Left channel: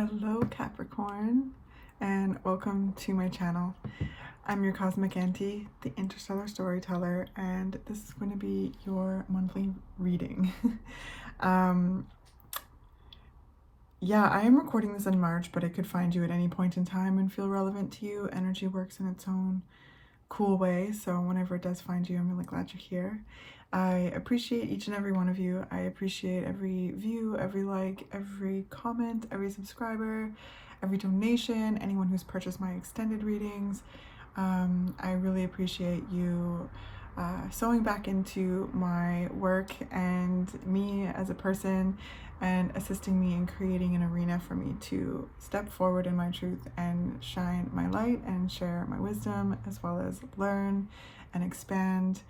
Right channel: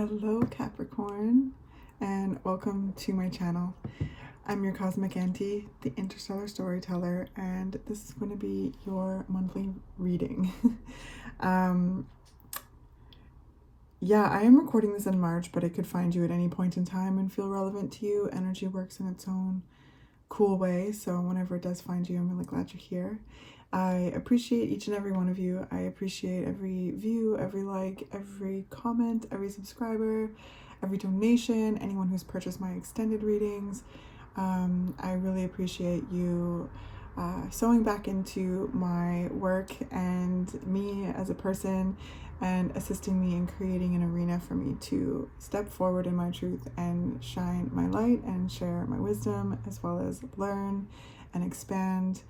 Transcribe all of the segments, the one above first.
Hello Capricorn, and welcome to my channel. I'm your Cosmic Auntie, the interstellar storyteller, and this is going to be your monthly reading. Yeah, I am recording this in March, but it could find you at any point in time and feel relevant to you. Energy works in its own cool way, so whenever it does find you, I'm really glad you're here. I appreciate each and every one of you. I appreciate every view, every like, every comment, every subscriber, every donation, anyone who's purchased my extended readings. I really appreciate you sewing back into my work and me as a person and assisting me in creating an arena for me to step forward in my truth and shine my light and share my wisdom, as well as learn and expand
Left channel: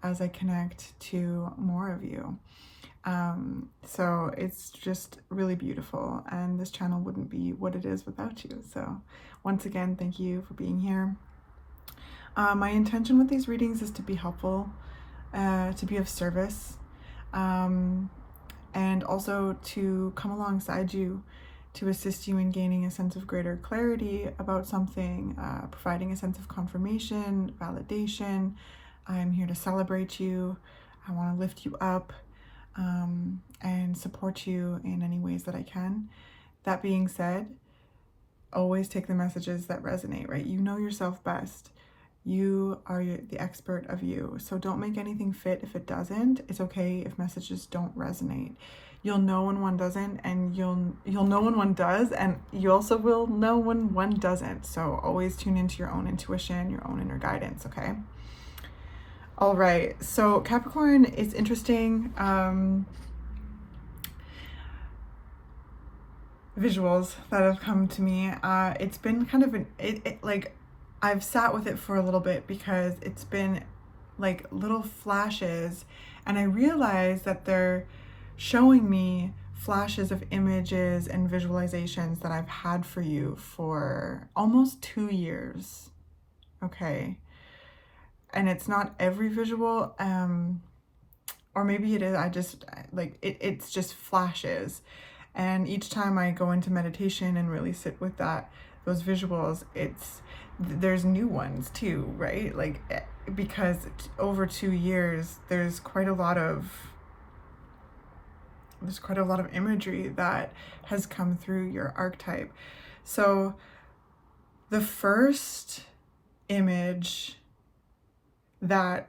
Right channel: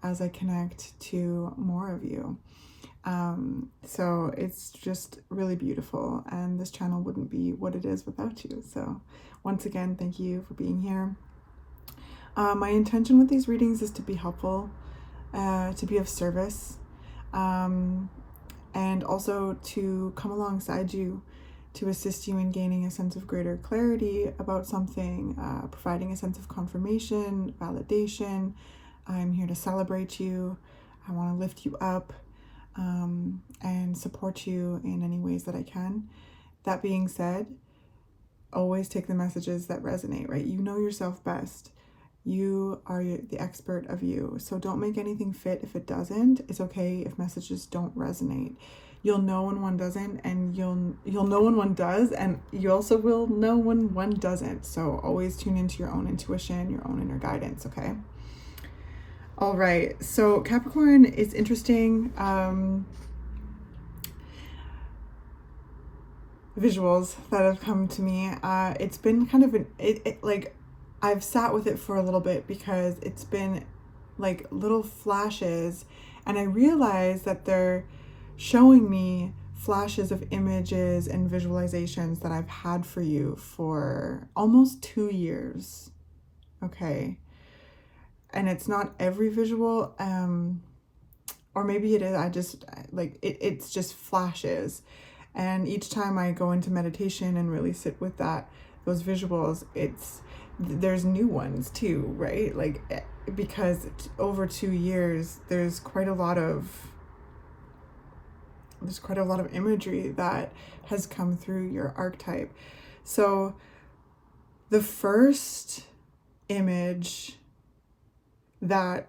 as I connect to more of you. So it's just really beautiful, and this channel wouldn't be what it is without you. So once again, thank you for being here. My intention with these readings is to be helpful, to be of service, and also to come alongside you to assist you in gaining a sense of greater clarity about something, providing a sense of confirmation, validation. I'm here to celebrate you. I want to lift you up and support you in any ways that I can. That being said, always take the messages that resonate, right? You know yourself best. You are the expert of you. So don't make anything fit if it doesn't. It's okay if messages don't resonate. You'll know when one doesn't, and you'll know when one does, and you also will know when one doesn't. So always tune into your own intuition, your own inner guidance, okay? All right, so Capricorn is interesting. Visuals that have come to me. It's been kind of like I've sat with it for a little bit because it's been like little flashes, and I realize that they're showing me flashes of images and visualizations that I've had for you for almost 2 years. Okay. And it's not every visual, or maybe it is. I just like it's just flashes, and each time I go into meditation and really sit with those visuals, there's new ones too, right? Like, because over 2 years there's quite a lot of imagery that has come through your archetype. So the first image that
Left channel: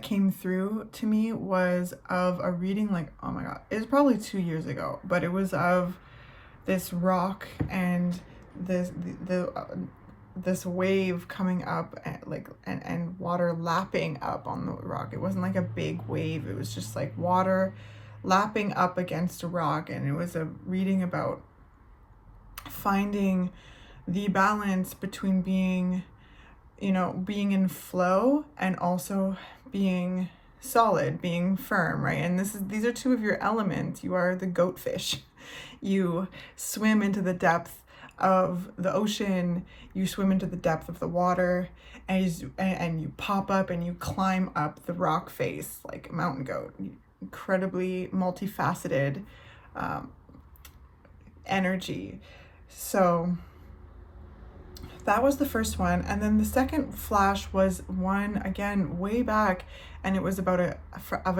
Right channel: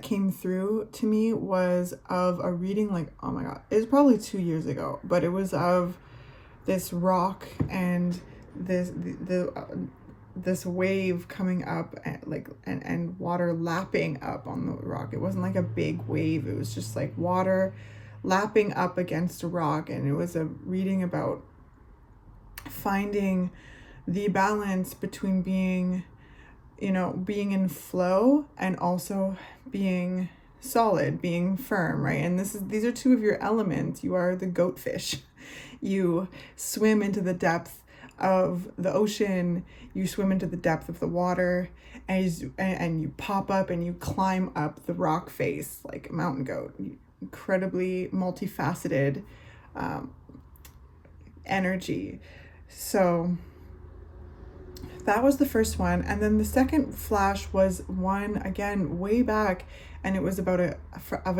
came through to me was of a reading, like, oh my god, it was probably 2 years ago, but it was of this rock and this wave coming up, and water lapping up on the rock. It wasn't like a big wave, it was just like water lapping up against a rock, and it was a reading about finding the balance between being in flow and also being solid, being firm, right? And these are two of your elements. You are the goatfish. You swim into the depth of the ocean, you swim into the depth of the water, and you pop up and you climb up the rock face like a mountain goat. Incredibly multifaceted energy. So that was the first one. And then the second flash was one, again, way back, and it was about a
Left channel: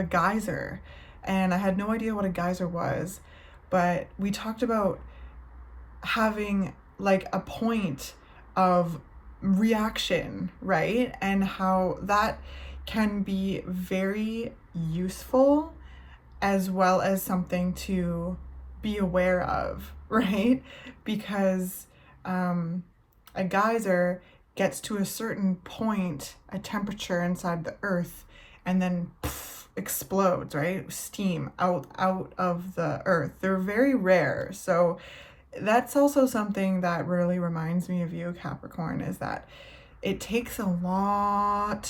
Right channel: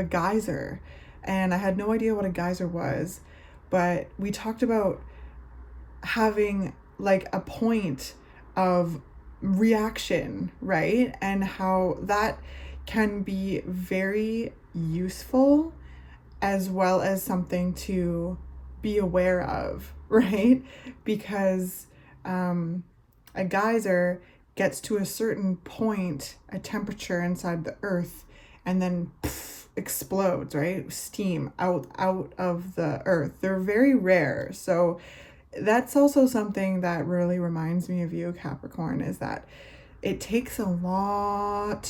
geyser. And I had no idea what a geyser was, but we talked about having like a point of reaction, right? And how that can be very useful, as well as something to be aware of, right? Because a geyser gets to a certain point, a temperature inside the earth, and then explodes, right? Steam out of the earth. They're very rare. So that's also something that really reminds me of you, Capricorn, is that it takes a long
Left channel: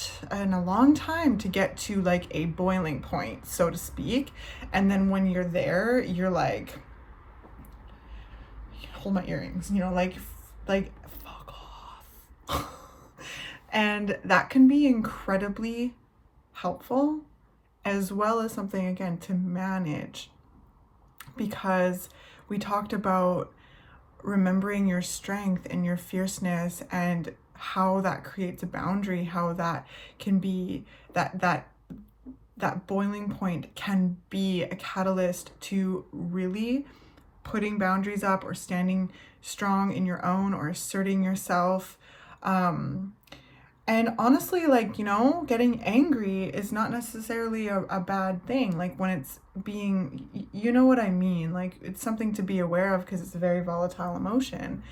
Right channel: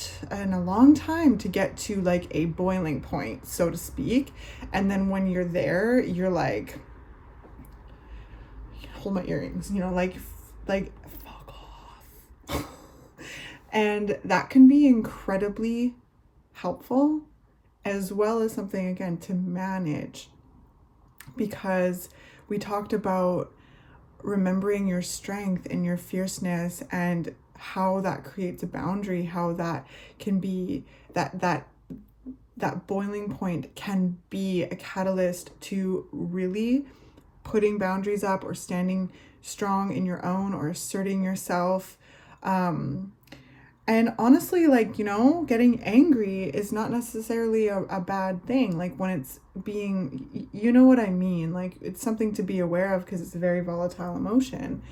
time to get to like a boiling point, so to speak. And then when you're there, you're like, hold my earrings, like fuck off. And that can be incredibly helpful, as well as something, again, to manage, because we talked about remembering your strength and your fierceness, and how that creates a boundary, how that can be, that boiling point can be a catalyst to really putting boundaries up, or standing strong in your own, or asserting yourself. And honestly, like, you know, getting angry is not necessarily a bad thing. Like, when it's being, you know what I mean? Like, it's something to be aware of, because it's a very volatile emotion.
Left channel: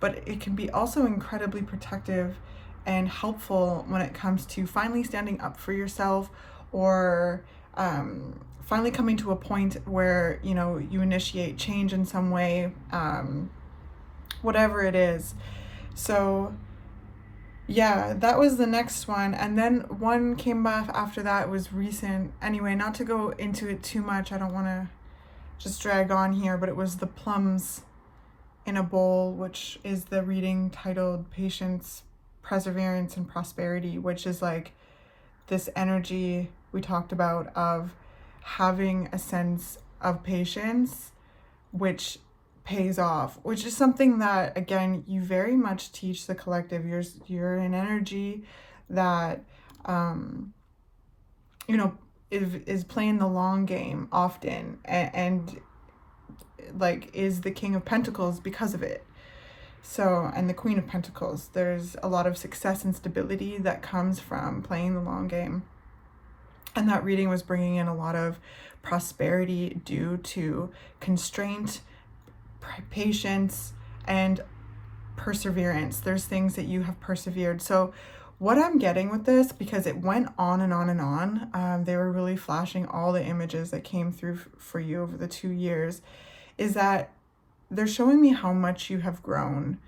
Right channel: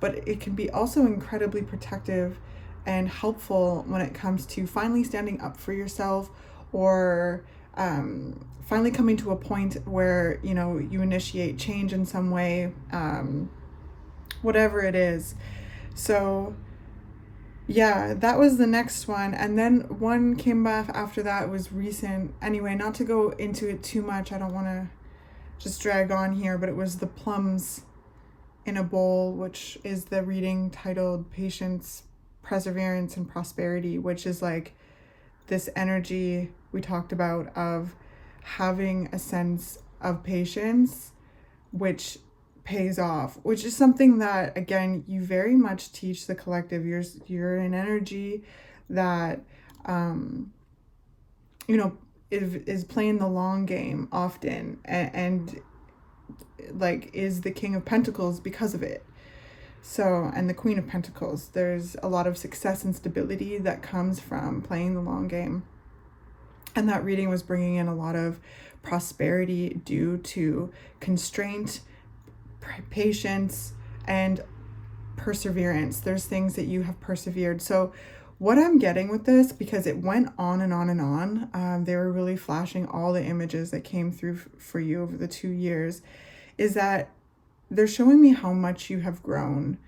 But it can be also incredibly protective and helpful when it comes to finally standing up for yourself, or finally coming to a point where, you know, you initiate change in some way, whatever it is. So yeah, that was the next one. And then one came back after that, was recent. Anyway, not to go into it too much, I don't want to just drag on here, but it was the plums in a bowl, which is the reading titled Patience, Perseverance, and Prosperity, which is like this energy we talked about of having a sense of patience, which pays off, which is something that, again, you very much teach the collective. You're an energy that you know, is playing the long game often, and like is the King of Pentacles because of it. So, and the Queen of Pentacles, there's a lot of success and stability that comes from playing the long game. And that reading was bringing in a lot of prosperity due to constraint, patience, and perseverance. There's things that you have persevered. So what I'm getting with this, because it went on and on and on, they were really flashing all the images that came through for you over the 2 years, is that they're showing me how much you have grown.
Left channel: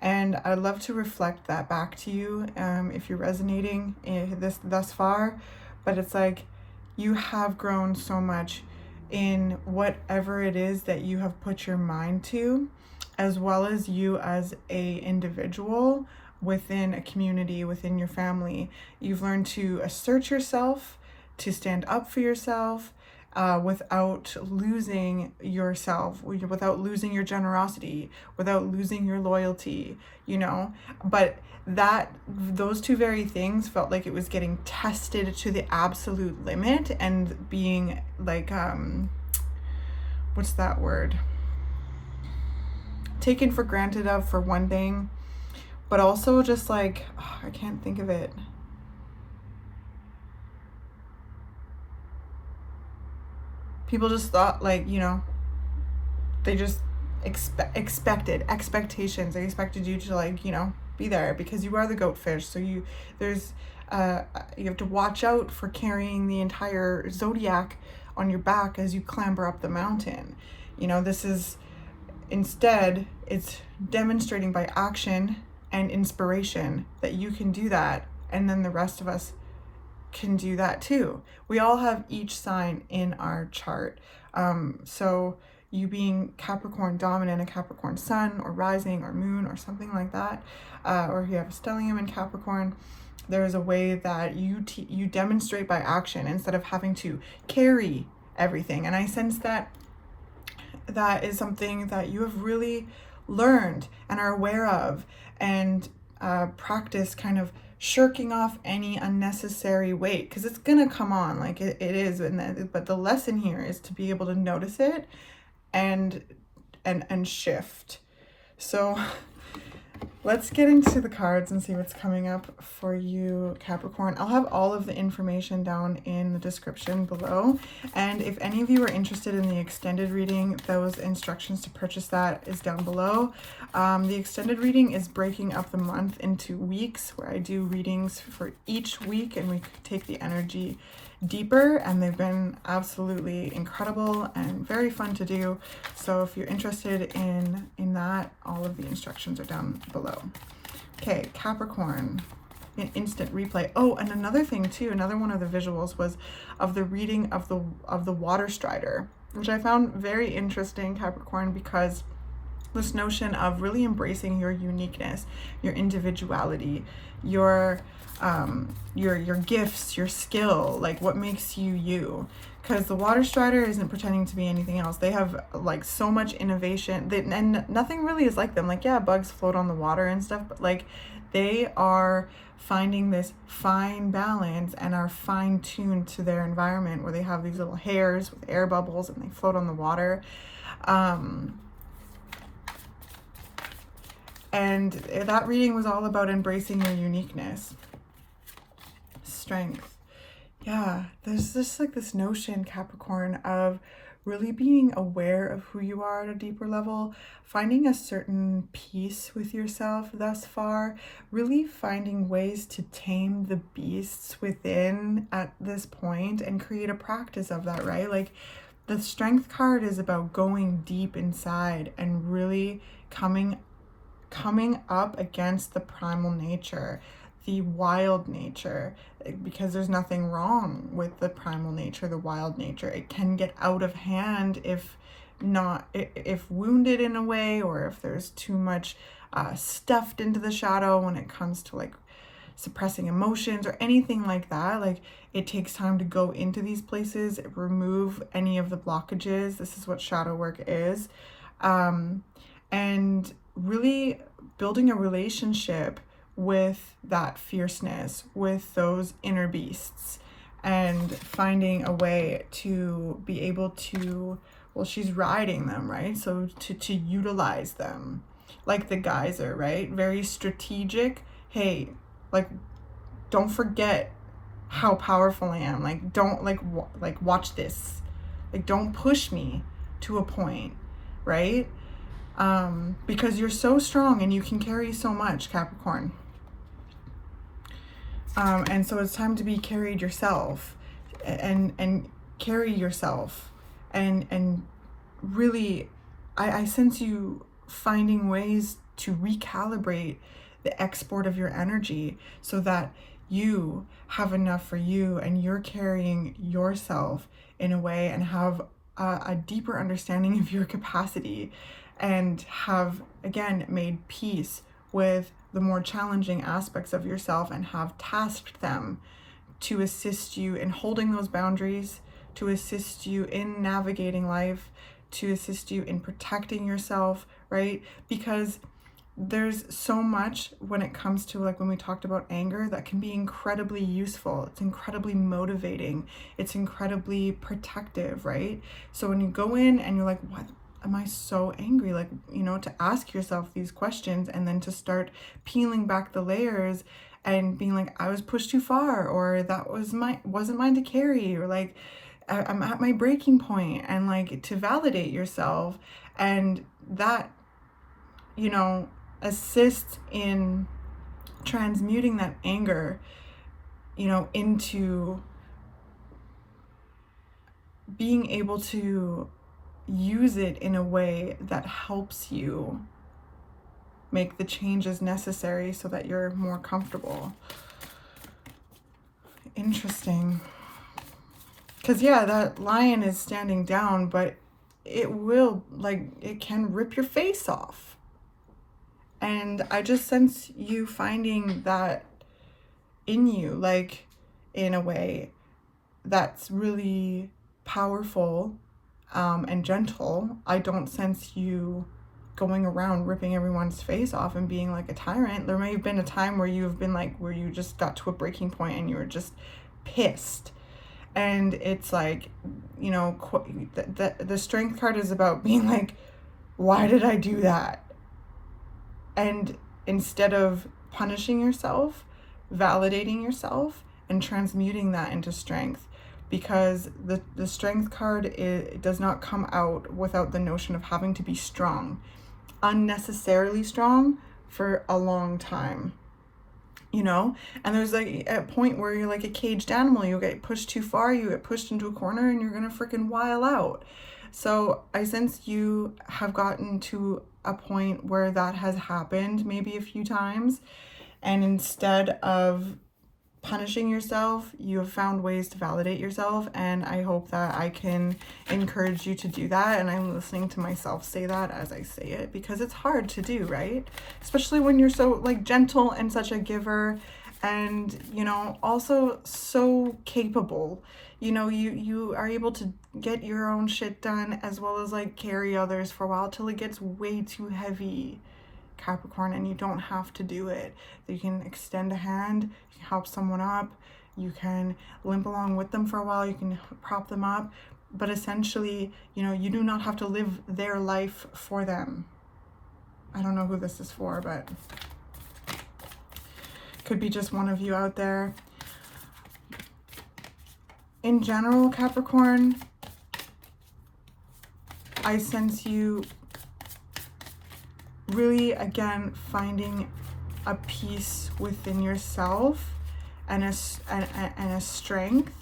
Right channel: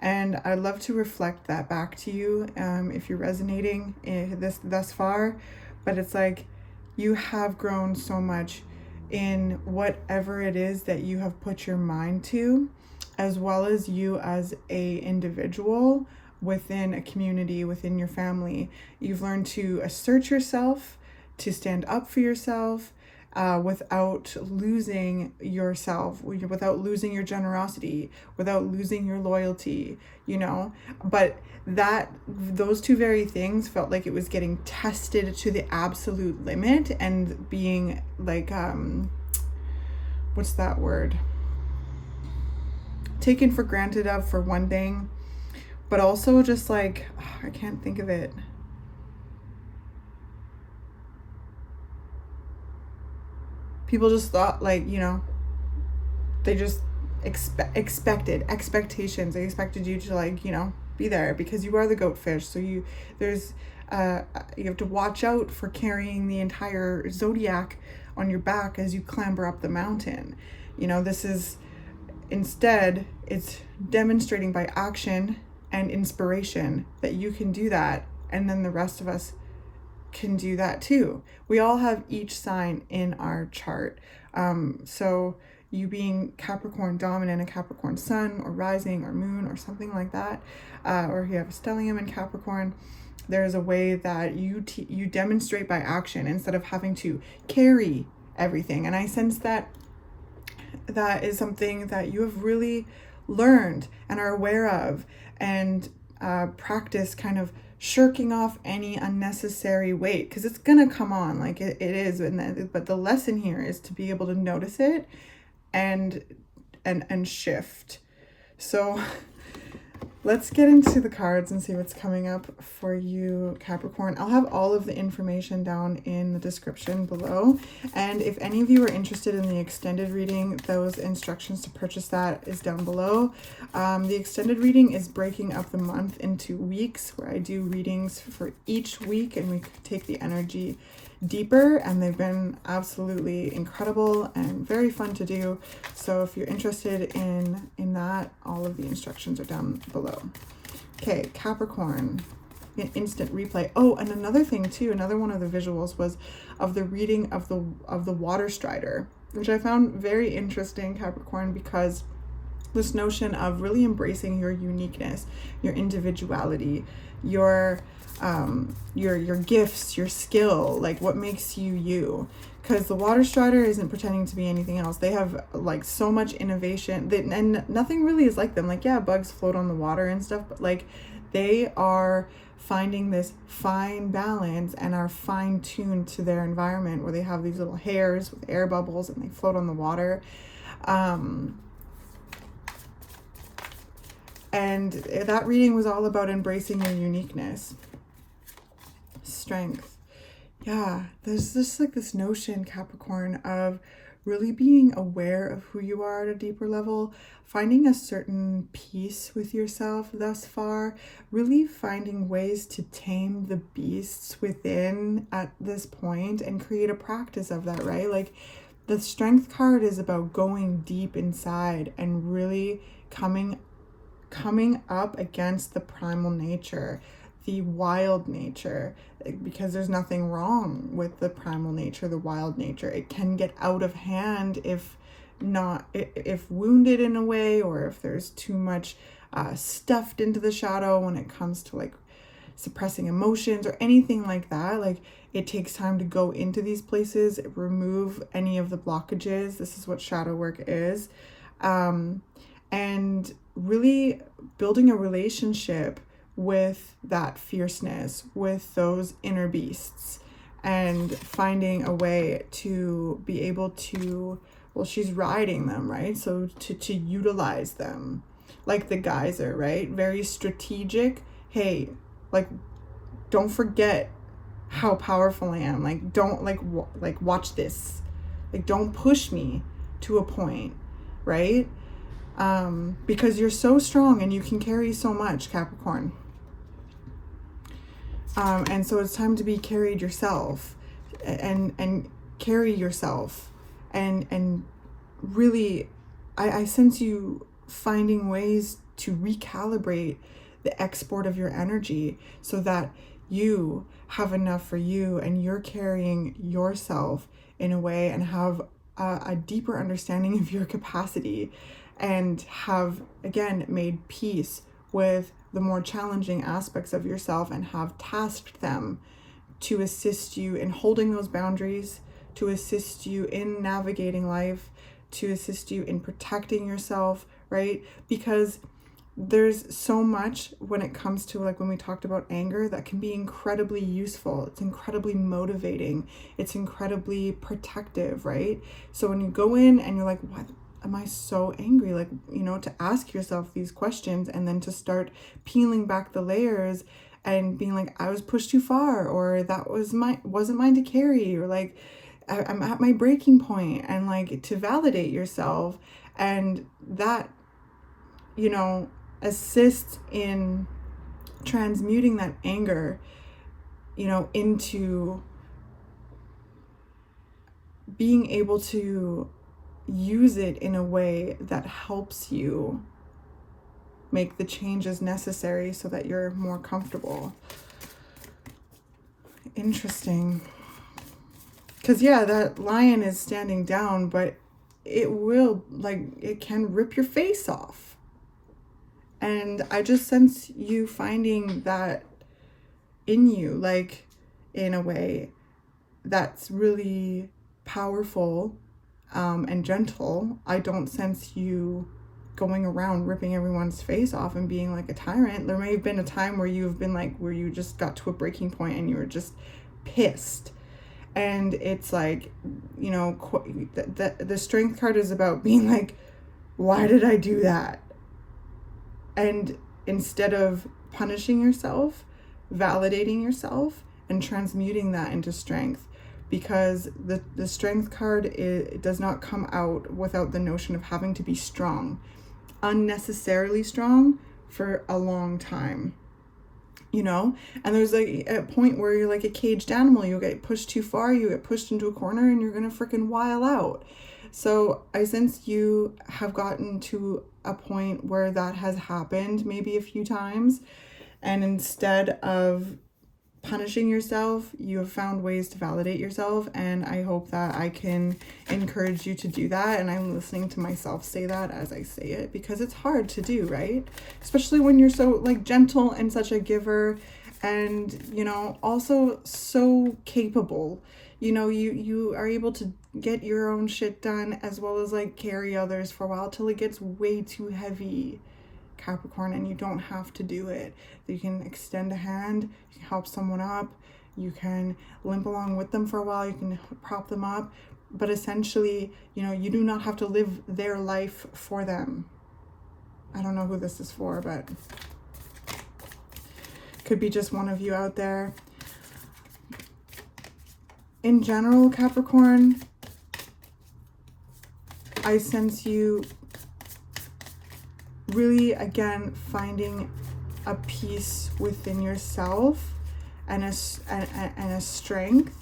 And I'd love to reflect that back to you, if you're resonating this thus far. But it's like, you have grown so much in whatever it is that you have put your mind to, as well as you as a individual within a community, within your family. You've learned to assert yourself, to stand up for yourself, without losing yourself, without losing your generosity, without losing your loyalty, you know. But those two very things felt like it was getting tested to the absolute limit, and being like, what's that word? Taken for granted of, for one thing, but also just like, I can't think of it. People just thought, like, you know, they just expected expectations. They expected you to, like, you know, be there because you are the goatfish. So you have to watch out for carrying the entire zodiac on your back as you clamber up the mountain. You know, this is, instead, it's demonstrating by action and inspiration that you can do that, and then the rest of us can do that too. We all have each sign in our chart. So you being Capricorn dominant, a Capricorn sun or rising or moon or something like that, or if you have a stellium in Capricorn, there is a way that you demonstrate by action instead of having to carry everything. And I sense that is something that you have really learned and are aware of, and practice kind of shirking off any unnecessary weight, because it's gonna come on, like it is. But the lesson here is to be able to notice it and shift. So let's get into the cards and see what's coming up for you, Capricorn. I'll have all of the information down in the description below. And if any of you are interested in the extended reading, those instructions to purchase that is down below. The extended reading is breaking up the month into weeks, where I do readings for each week and we take the energy deeper, and they've been absolutely incredible and very fun to do. So if you're interested in that, all of the instructions are down below. Okay, Capricorn, an instant replay. Oh, and another thing too, another one of the visuals was of the reading of the water strider, which I found very interesting, Capricorn, because this notion of really embracing your uniqueness, your individuality, your gifts, your skill, like what makes you you. because the water strider isn't pretending to be anything else. They have like so much innovation, and nothing really is like them. Like, yeah, bugs float on the water and stuff, but like they are finding this fine balance and are fine tuned to their environment, where they have these little hairs with air bubbles and they float on the water. And that reading was all about embracing your uniqueness. Strength. Yeah, there's just like this notion, Capricorn, of really being aware of who you are at a deeper level, finding a certain peace with yourself thus far, really finding ways to tame the beasts within at this point and create a practice of that, right? Like the Strength card is about going deep inside and really coming up against the primal nature, the wild nature, because there's nothing wrong with the primal nature, the wild nature. It can get out of hand if wounded in a way, or if there's too much stuffed into the shadow when it comes to like suppressing emotions or anything like that. Like, it takes time to go into these places, remove any of the blockages. This is what shadow work is. And really building a relationship with that fierceness, with those inner beasts, and finding a way to be able to, well, she's riding them, right? So to utilize them like the geyser, right? Very strategic. Hey, like, don't forget how powerful I am. Like, don't like watch this. Like, don't push me to a point, right? Because you're so strong and you can carry so much, Capricorn. And so it's time to be carried yourself, and carry yourself, and really, I sense you finding ways to recalibrate the export of your energy so that you have enough for you and you're carrying yourself in a way, and have a deeper understanding of your capacity, and have, again, made peace with the more challenging aspects of yourself, and have tasked them to assist you in holding those boundaries, to assist you in navigating life, to assist you in protecting yourself, right? Because there's so much when it comes to, like, when we talked about anger, that can be incredibly useful. It's incredibly motivating. It's incredibly protective, right? So when you go in and you're like, what am I so angry? Like, you know, to ask yourself these questions, and then to start peeling back the layers and being like, I was pushed too far, or that wasn't mine to carry, or like, I'm at my breaking point, and like to validate yourself. And that, you know, assists in transmuting that anger, you know, into being able to use it in a way that helps you make the changes necessary so that you're more comfortable. Interesting. Because, yeah, that lion is standing down, but it will, like, it can rip your face off. And I just sense you finding that in you, like, in a way that's really powerful and gentle. I don't sense you going around ripping everyone's face off and being like a tyrant. There may have been a time where you've been like, where you just got to a breaking point and you were just pissed. And it's like, you know, the Strength card is about being like, why did I do that? And instead of punishing yourself, validating yourself and transmuting that into strength. Because the Strength card, it does not come out without the notion of having to be strong, unnecessarily strong for a long time, you know? And there's like a point where you're like a caged animal. You get pushed too far, you get pushed into a corner, and you're gonna freaking while out. So I sense you have gotten to a point where that has happened maybe a few times, and instead of punishing yourself, you have found ways to validate yourself. And I hope that I can encourage you to do that. And I'm listening to myself say that as I say it, because it's hard to do, right? Especially when you're so like gentle and such a giver, and, you know, also so capable. you know, you are able to get your own shit done as well as like carry others for a while till it gets way too heavy, Capricorn, and you don't have to do it. You can extend a hand, you can help someone up, you can limp along with them for a while, you can prop them up, but essentially, you know, you do not have to live their life for them. I don't know who this is for, but could be just one of you out there. In general, Capricorn, I sense you really, again, finding a peace within yourself and a strength,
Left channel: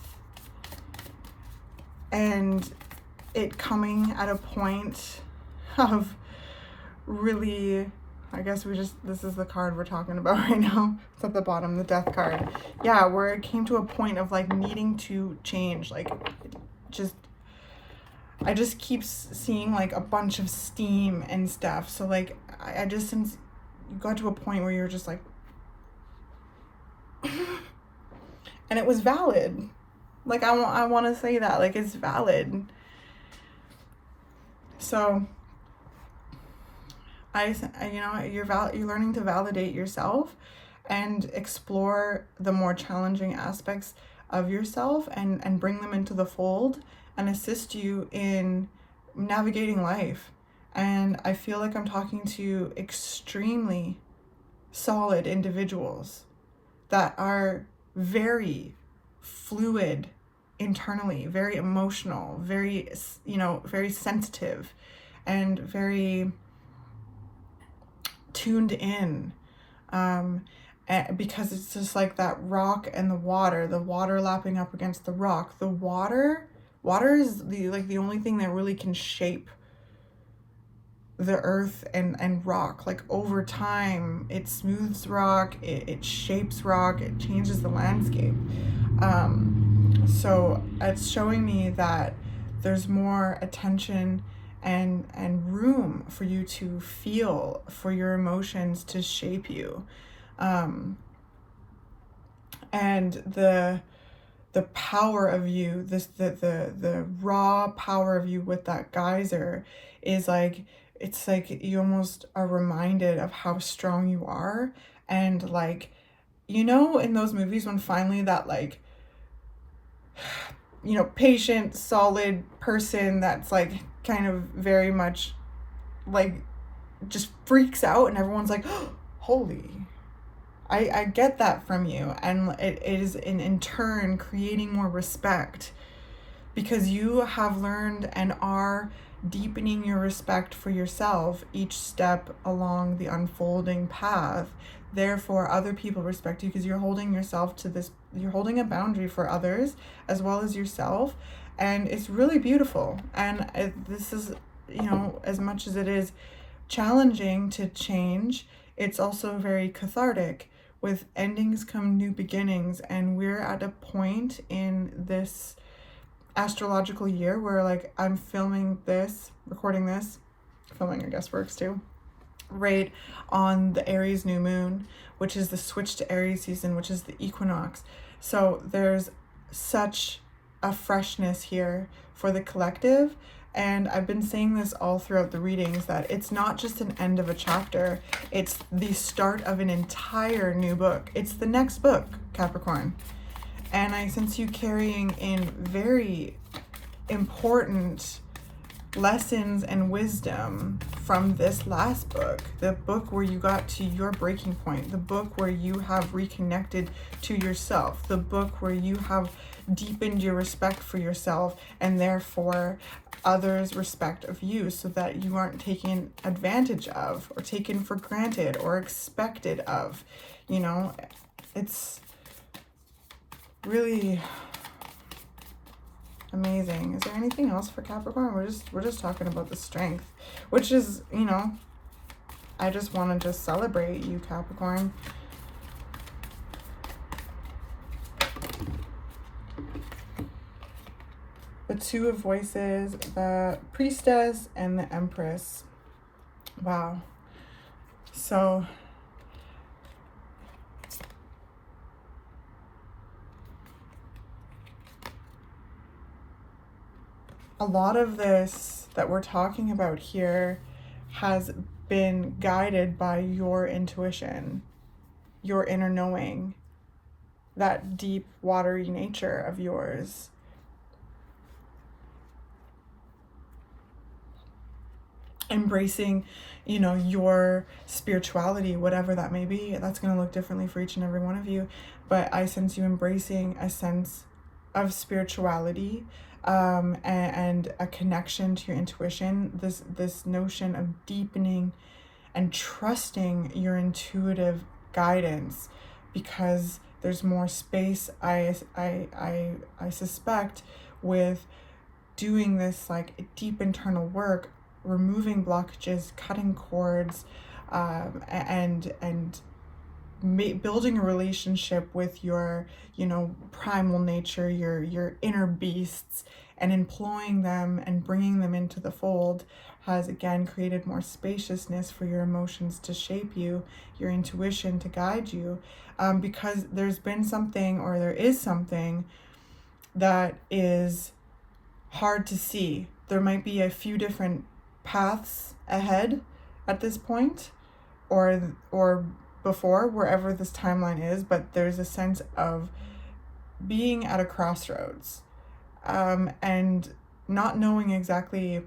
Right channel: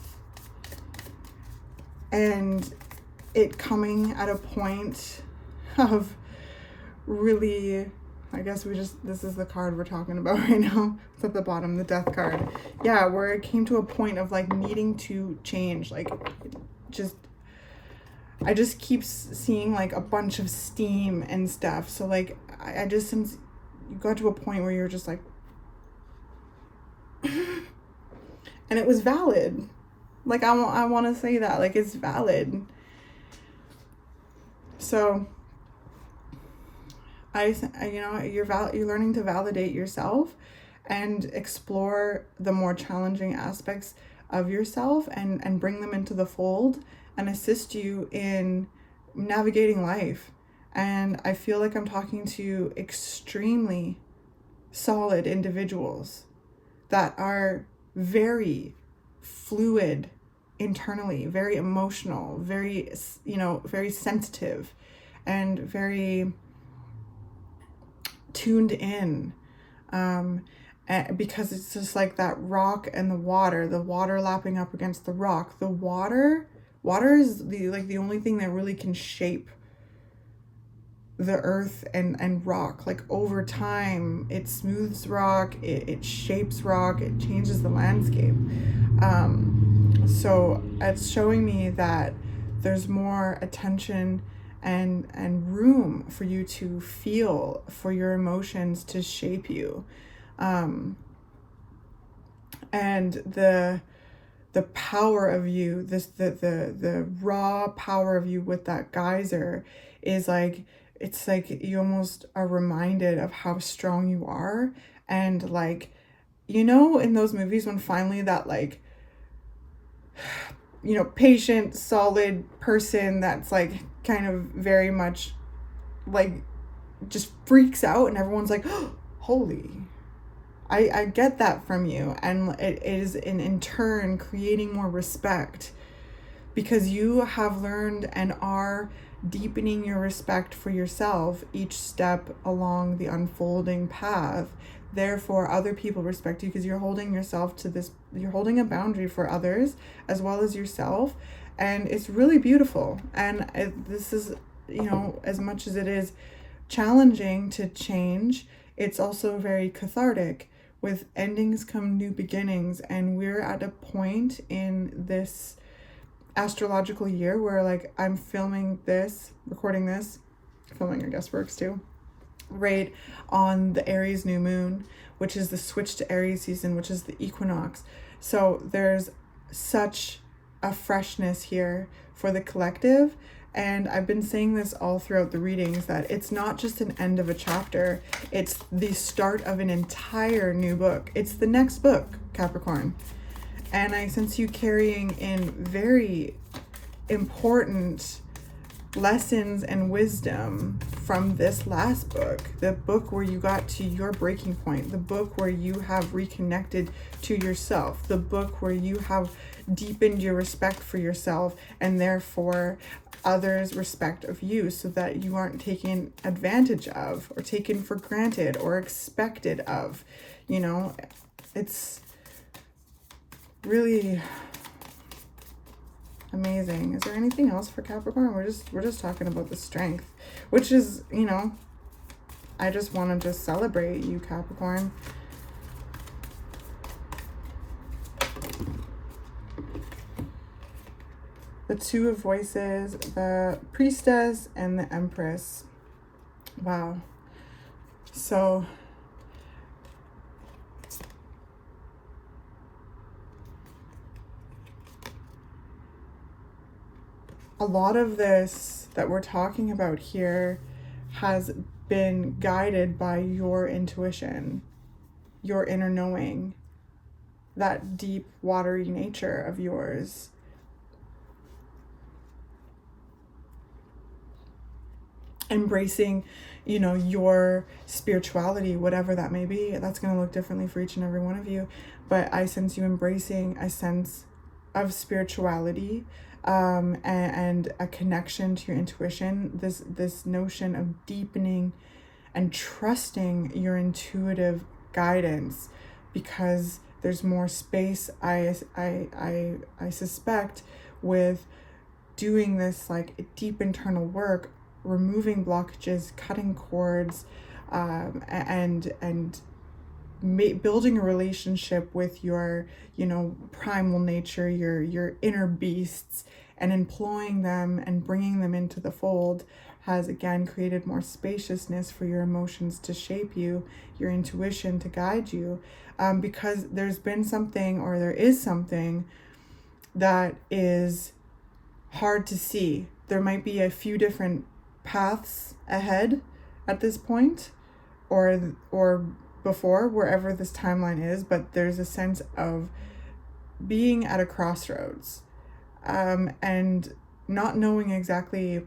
and it coming at a point of really, I guess this is the card we're talking about right now. It's at the bottom, the Death card. Yeah, where it came to a point of like needing to change, like I just keep seeing like a bunch of steam and stuff. So like, I just, since you got to a point where you're just like, and it was valid. Like, I want to say that, like, it's valid. So, you know, you're learning to validate yourself and explore the more challenging aspects of yourself and bring them into the fold and assist you in navigating life. And I feel like I'm talking to extremely solid individuals that are very fluid internally, very emotional, very, you know, very sensitive and very tuned in, because it's just like that rock and the water lapping up against the rock. The water is the only thing that really can shape the earth and rock. Like, over time, it smooths rock, it shapes rock, it changes the landscape. So it's showing me that there's more attention and room for you to feel, for your emotions to shape you. And the power of you, the raw power of you with that geyser is like, it's like you almost are reminded of how strong you are. And like, you know, in those movies when finally that, like, you know, patient, solid person that's like kind of very much like just freaks out and everyone's like, oh, holy, I get that from you. And it is in turn creating more respect, because you have learned and are deepening your respect for yourself each step along the unfolding path. Therefore, other people respect you because you're holding yourself to this, you're holding a boundary for others as well as yourself. And it's really beautiful. And this is, you know, as much as it is challenging to change, it's also very cathartic. With endings come new beginnings. And we're at a point in this astrological year where, like, I'm filming this, recording this, filming I guess works too, right on the Aries new moon, which is the switch to Aries season, which is the equinox. So there's such a freshness here for the collective. And I've been saying this all throughout the readings, that it's not just an end of a chapter, it's the start of an entire new book. It's the next book, Capricorn. And I sense you carrying in very important lessons and wisdom from this last book, the book where you got to your breaking point, the book where you have reconnected to yourself, the book where you have deepened your respect for yourself and therefore others' respect of you, so that you aren't taken advantage of or taken for granted or expected of. You know, it's really amazing. Is there anything else for Capricorn? We're just talking about the strength, which is, you know, I just want to just celebrate you, Capricorn. The Two of Voices, the Priestess, and the Empress. Wow. So a lot of this that we're talking about here has been guided by your intuition, your inner knowing, that deep, watery nature of yours. Embracing, you know, your spirituality, whatever that may be. That's going to look differently for each and every one of you. But I sense you embracing a sense of spirituality, and a connection to your intuition. This notion of deepening and trusting your intuitive guidance, because there's more space, I suspect, with doing this like deep internal work, removing blockages, cutting cords, and building a relationship with your, you know, primal nature, your inner beasts, and employing them and bringing them into the fold has again created more spaciousness for your emotions to shape you, your intuition to guide you, because there's been something, or there is something that is hard to see. There might be a few different paths ahead at this point, or before, wherever this timeline is, but there's a sense of being at a crossroads, and not knowing exactly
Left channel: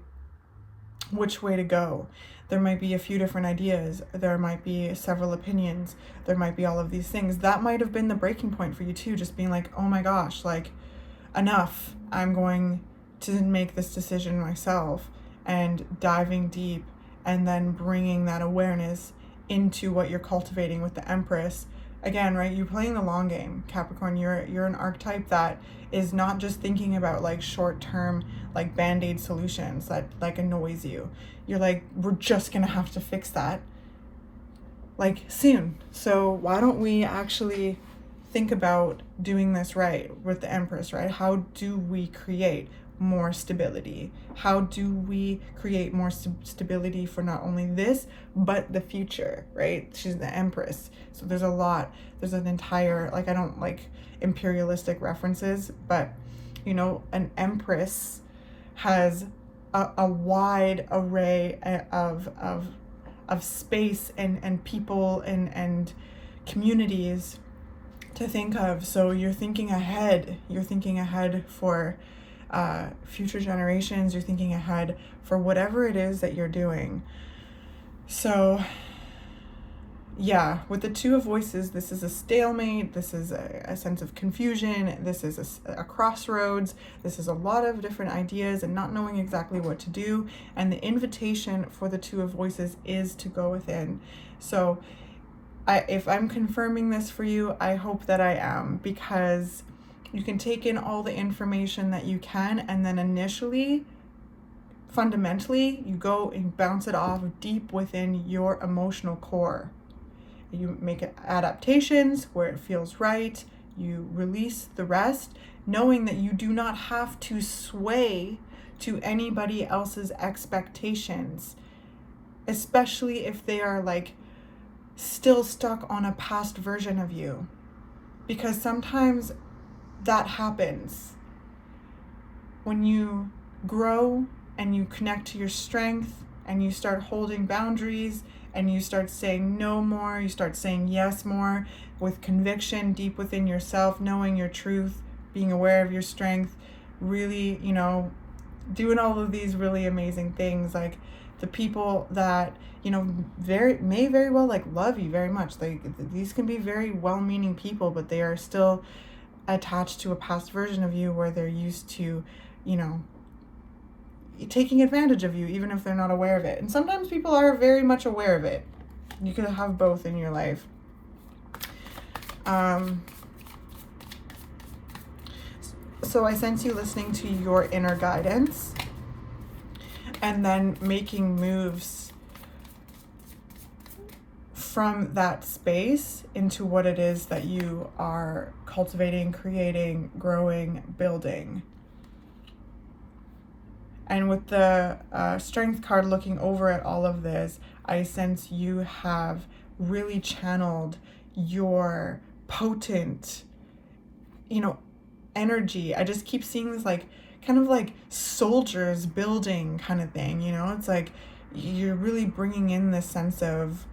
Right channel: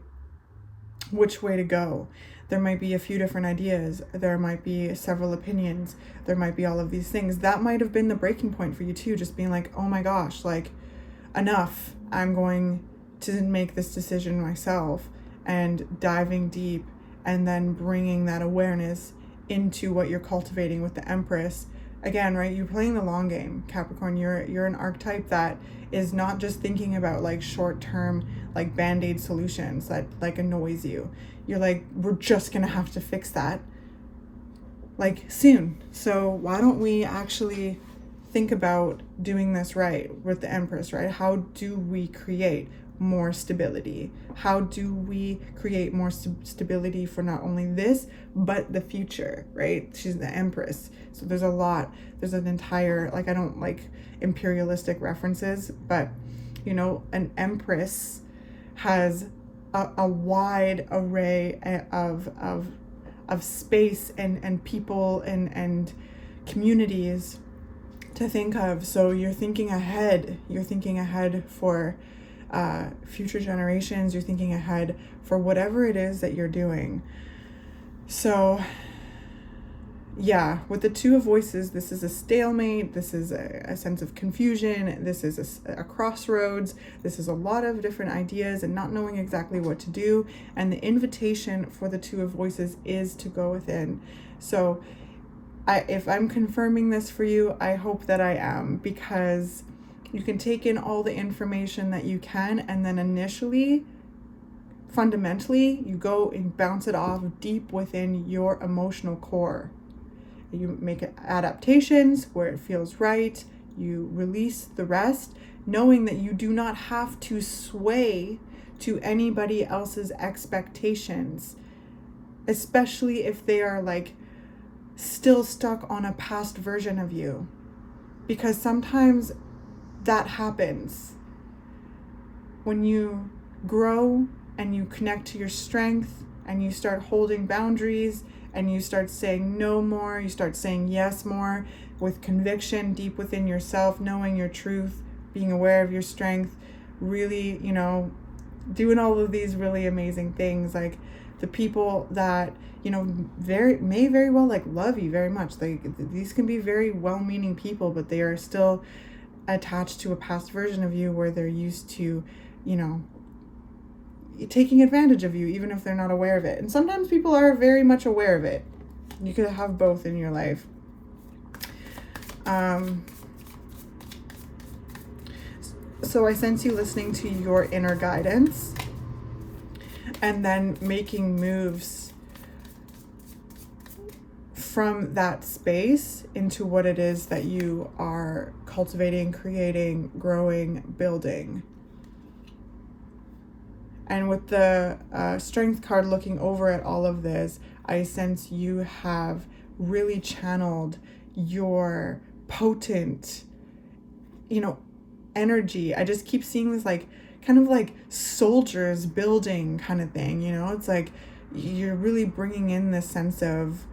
which way to go. There might be a few different ideas, there might be several opinions, there might be all of these things. That might have been the breaking point for you too, just being like, oh my gosh, like, enough, I'm going to make this decision myself, and diving deep, and then bringing that awareness into what you're cultivating with the Empress. Again, right, you're playing the long game, Capricorn. You're an archetype that is not just thinking about like short-term, like band-aid solutions that like annoys you. You're like, we're just gonna have to fix that like soon. So why don't we actually think about doing this right with the Empress, right? How do we create more stability? How do we create more stability for not only this, but the future, right? She's the Empress. So there's an entire, like, I don't like imperialistic references, but, you know, an Empress has a wide array of space and people and communities to think of. So you're thinking ahead for future generations, you're thinking ahead for whatever it is that you're doing. So yeah, with the Two of Voices, this is a stalemate, this is a sense of confusion, this is a crossroads, this is a lot of different ideas and not knowing exactly what to do. And the invitation for the Two of Voices is to go within. So if I'm confirming this for you, I hope that I am, because you can take in all the information that you can, and then initially, fundamentally, you go and bounce it off deep within your emotional core. You make adaptations where it feels right, you release the rest, knowing that you do not have to sway to anybody else's expectations, especially if they are like still stuck on a past version of you, because sometimes that happens. When you grow and you connect to your strength and you start holding boundaries and you start saying no more, you start saying yes more with conviction deep within yourself, knowing your truth, being aware of your strength, really, you know, doing all of these really amazing things. Like the people that, you know, may very well like love you very much. These can be very well-meaning people, but they are still attached to a past version of you where they're used to, you know, taking advantage of you, even if they're not aware of it. And sometimes people are very much aware of it. You could have both in your life. So I sense you listening to your inner guidance and then making moves from that space into what it is that you are cultivating, creating, growing, building. And with the Strength card looking over at all of this, I sense you have really channeled your potent, you know, energy. I just keep seeing this like kind of like soldiers building kind of thing, you know? It's like you're really bringing in this sense of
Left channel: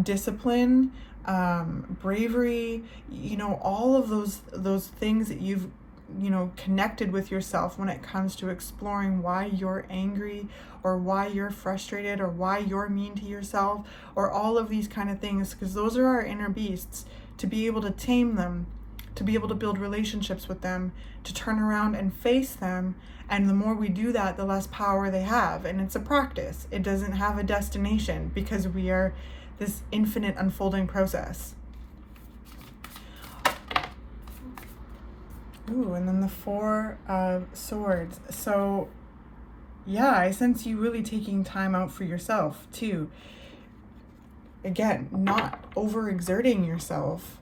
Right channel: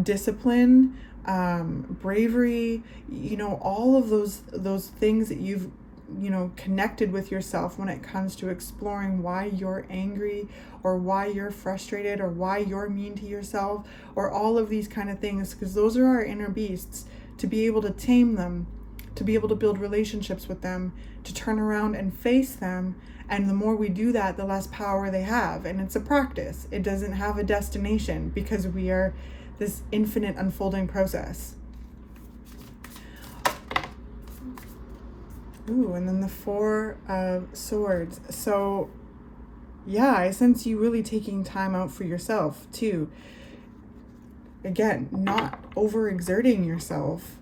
discipline, bravery, you know, all of those things that you've, you know, connected with yourself when it comes to exploring why you're angry, or why you're frustrated, or why you're mean to yourself, or all of these kind of things, because those are our inner beasts. To be able to tame them, to be able to build relationships with them, to turn around and face them. And the more we do that, the less power they have. And it's a practice. It doesn't have a destination, because we are this infinite unfolding process. Ooh, and then the Four of Swords. So yeah, I sense you really taking time out for yourself too. Again, not overexerting yourself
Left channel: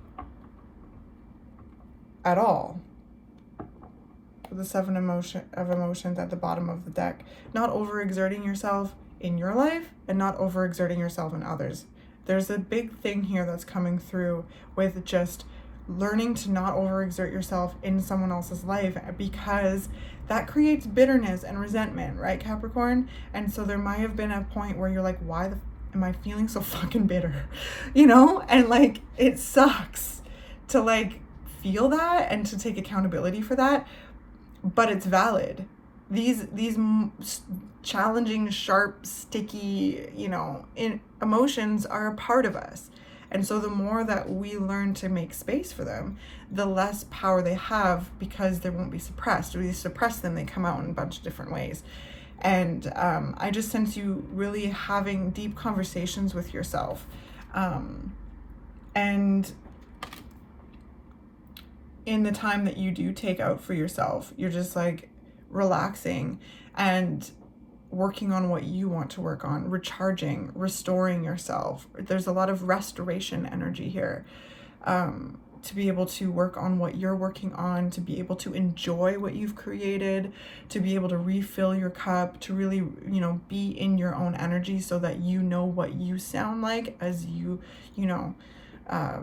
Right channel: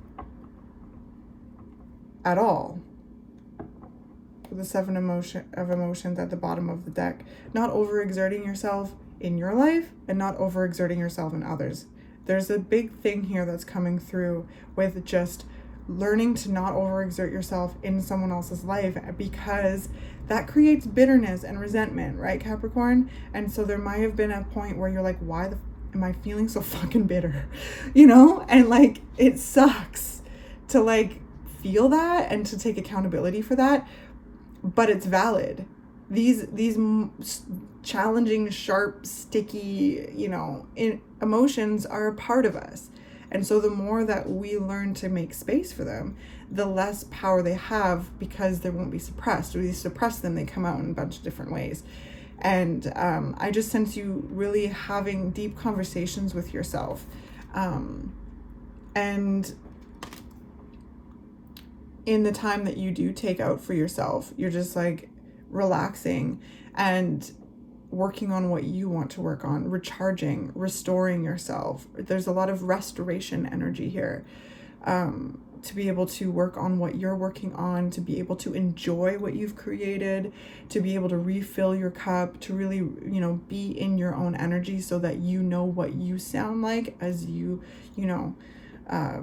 at all. The Seven of Emotions at the bottom of the deck. Not overexerting yourself in your life, and not overexerting yourself in others. There's a big thing here that's coming through with just learning to not overexert yourself in someone else's life, because that creates bitterness and resentment, right, Capricorn? And so there might have been a point where you're like, why am I feeling so fucking bitter? You know? And like, it sucks to like feel that and to take accountability for that, but it's valid. These challenging, sharp, sticky, you know, emotions are a part of us. And so the more that we learn to make space for them, the less power they have, because they won't be suppressed. Or we suppress them, they come out in a bunch of different ways. And I just sense you really having deep conversations with yourself. And in the time that you do take out for yourself, you're just like relaxing and working on what you want to work on, recharging, restoring yourself. There's a lot of restoration energy here, to be able to work on what you're working on, to be able to enjoy what you've created, to be able to refill your cup, to really, you know, be in your own energy, so that you know what you sound like as you know,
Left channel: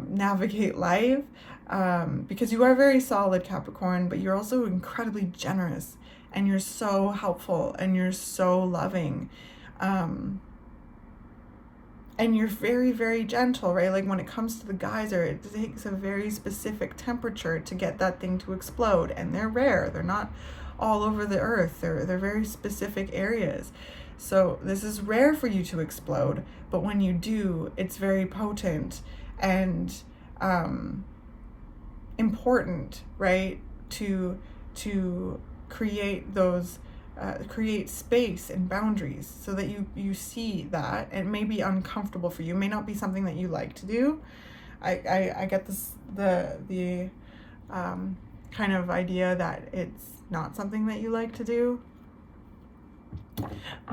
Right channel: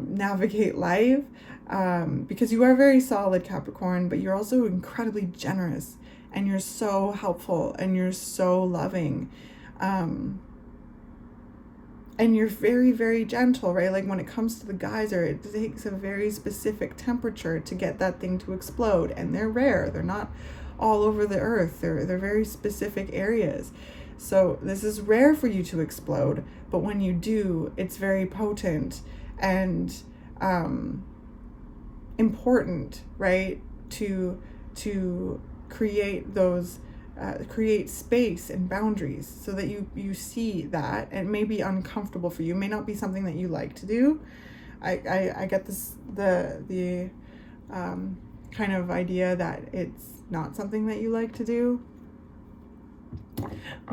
navigate life. Because you are very solid, Capricorn, but you're also incredibly generous, and you're so helpful, and you're so loving, and you're very, very gentle, right? Like when it comes to the geyser, it takes a very specific temperature to get that thing to explode, and they're rare. They're not all over the earth. They're very specific areas. So this is rare for you to explode, but when you do, it's very potent and important, right? To create those, create space and boundaries, so that you see that. It may be uncomfortable for you. It may not be something that you like to do. I get this, the kind of idea that it's not something that you like to do,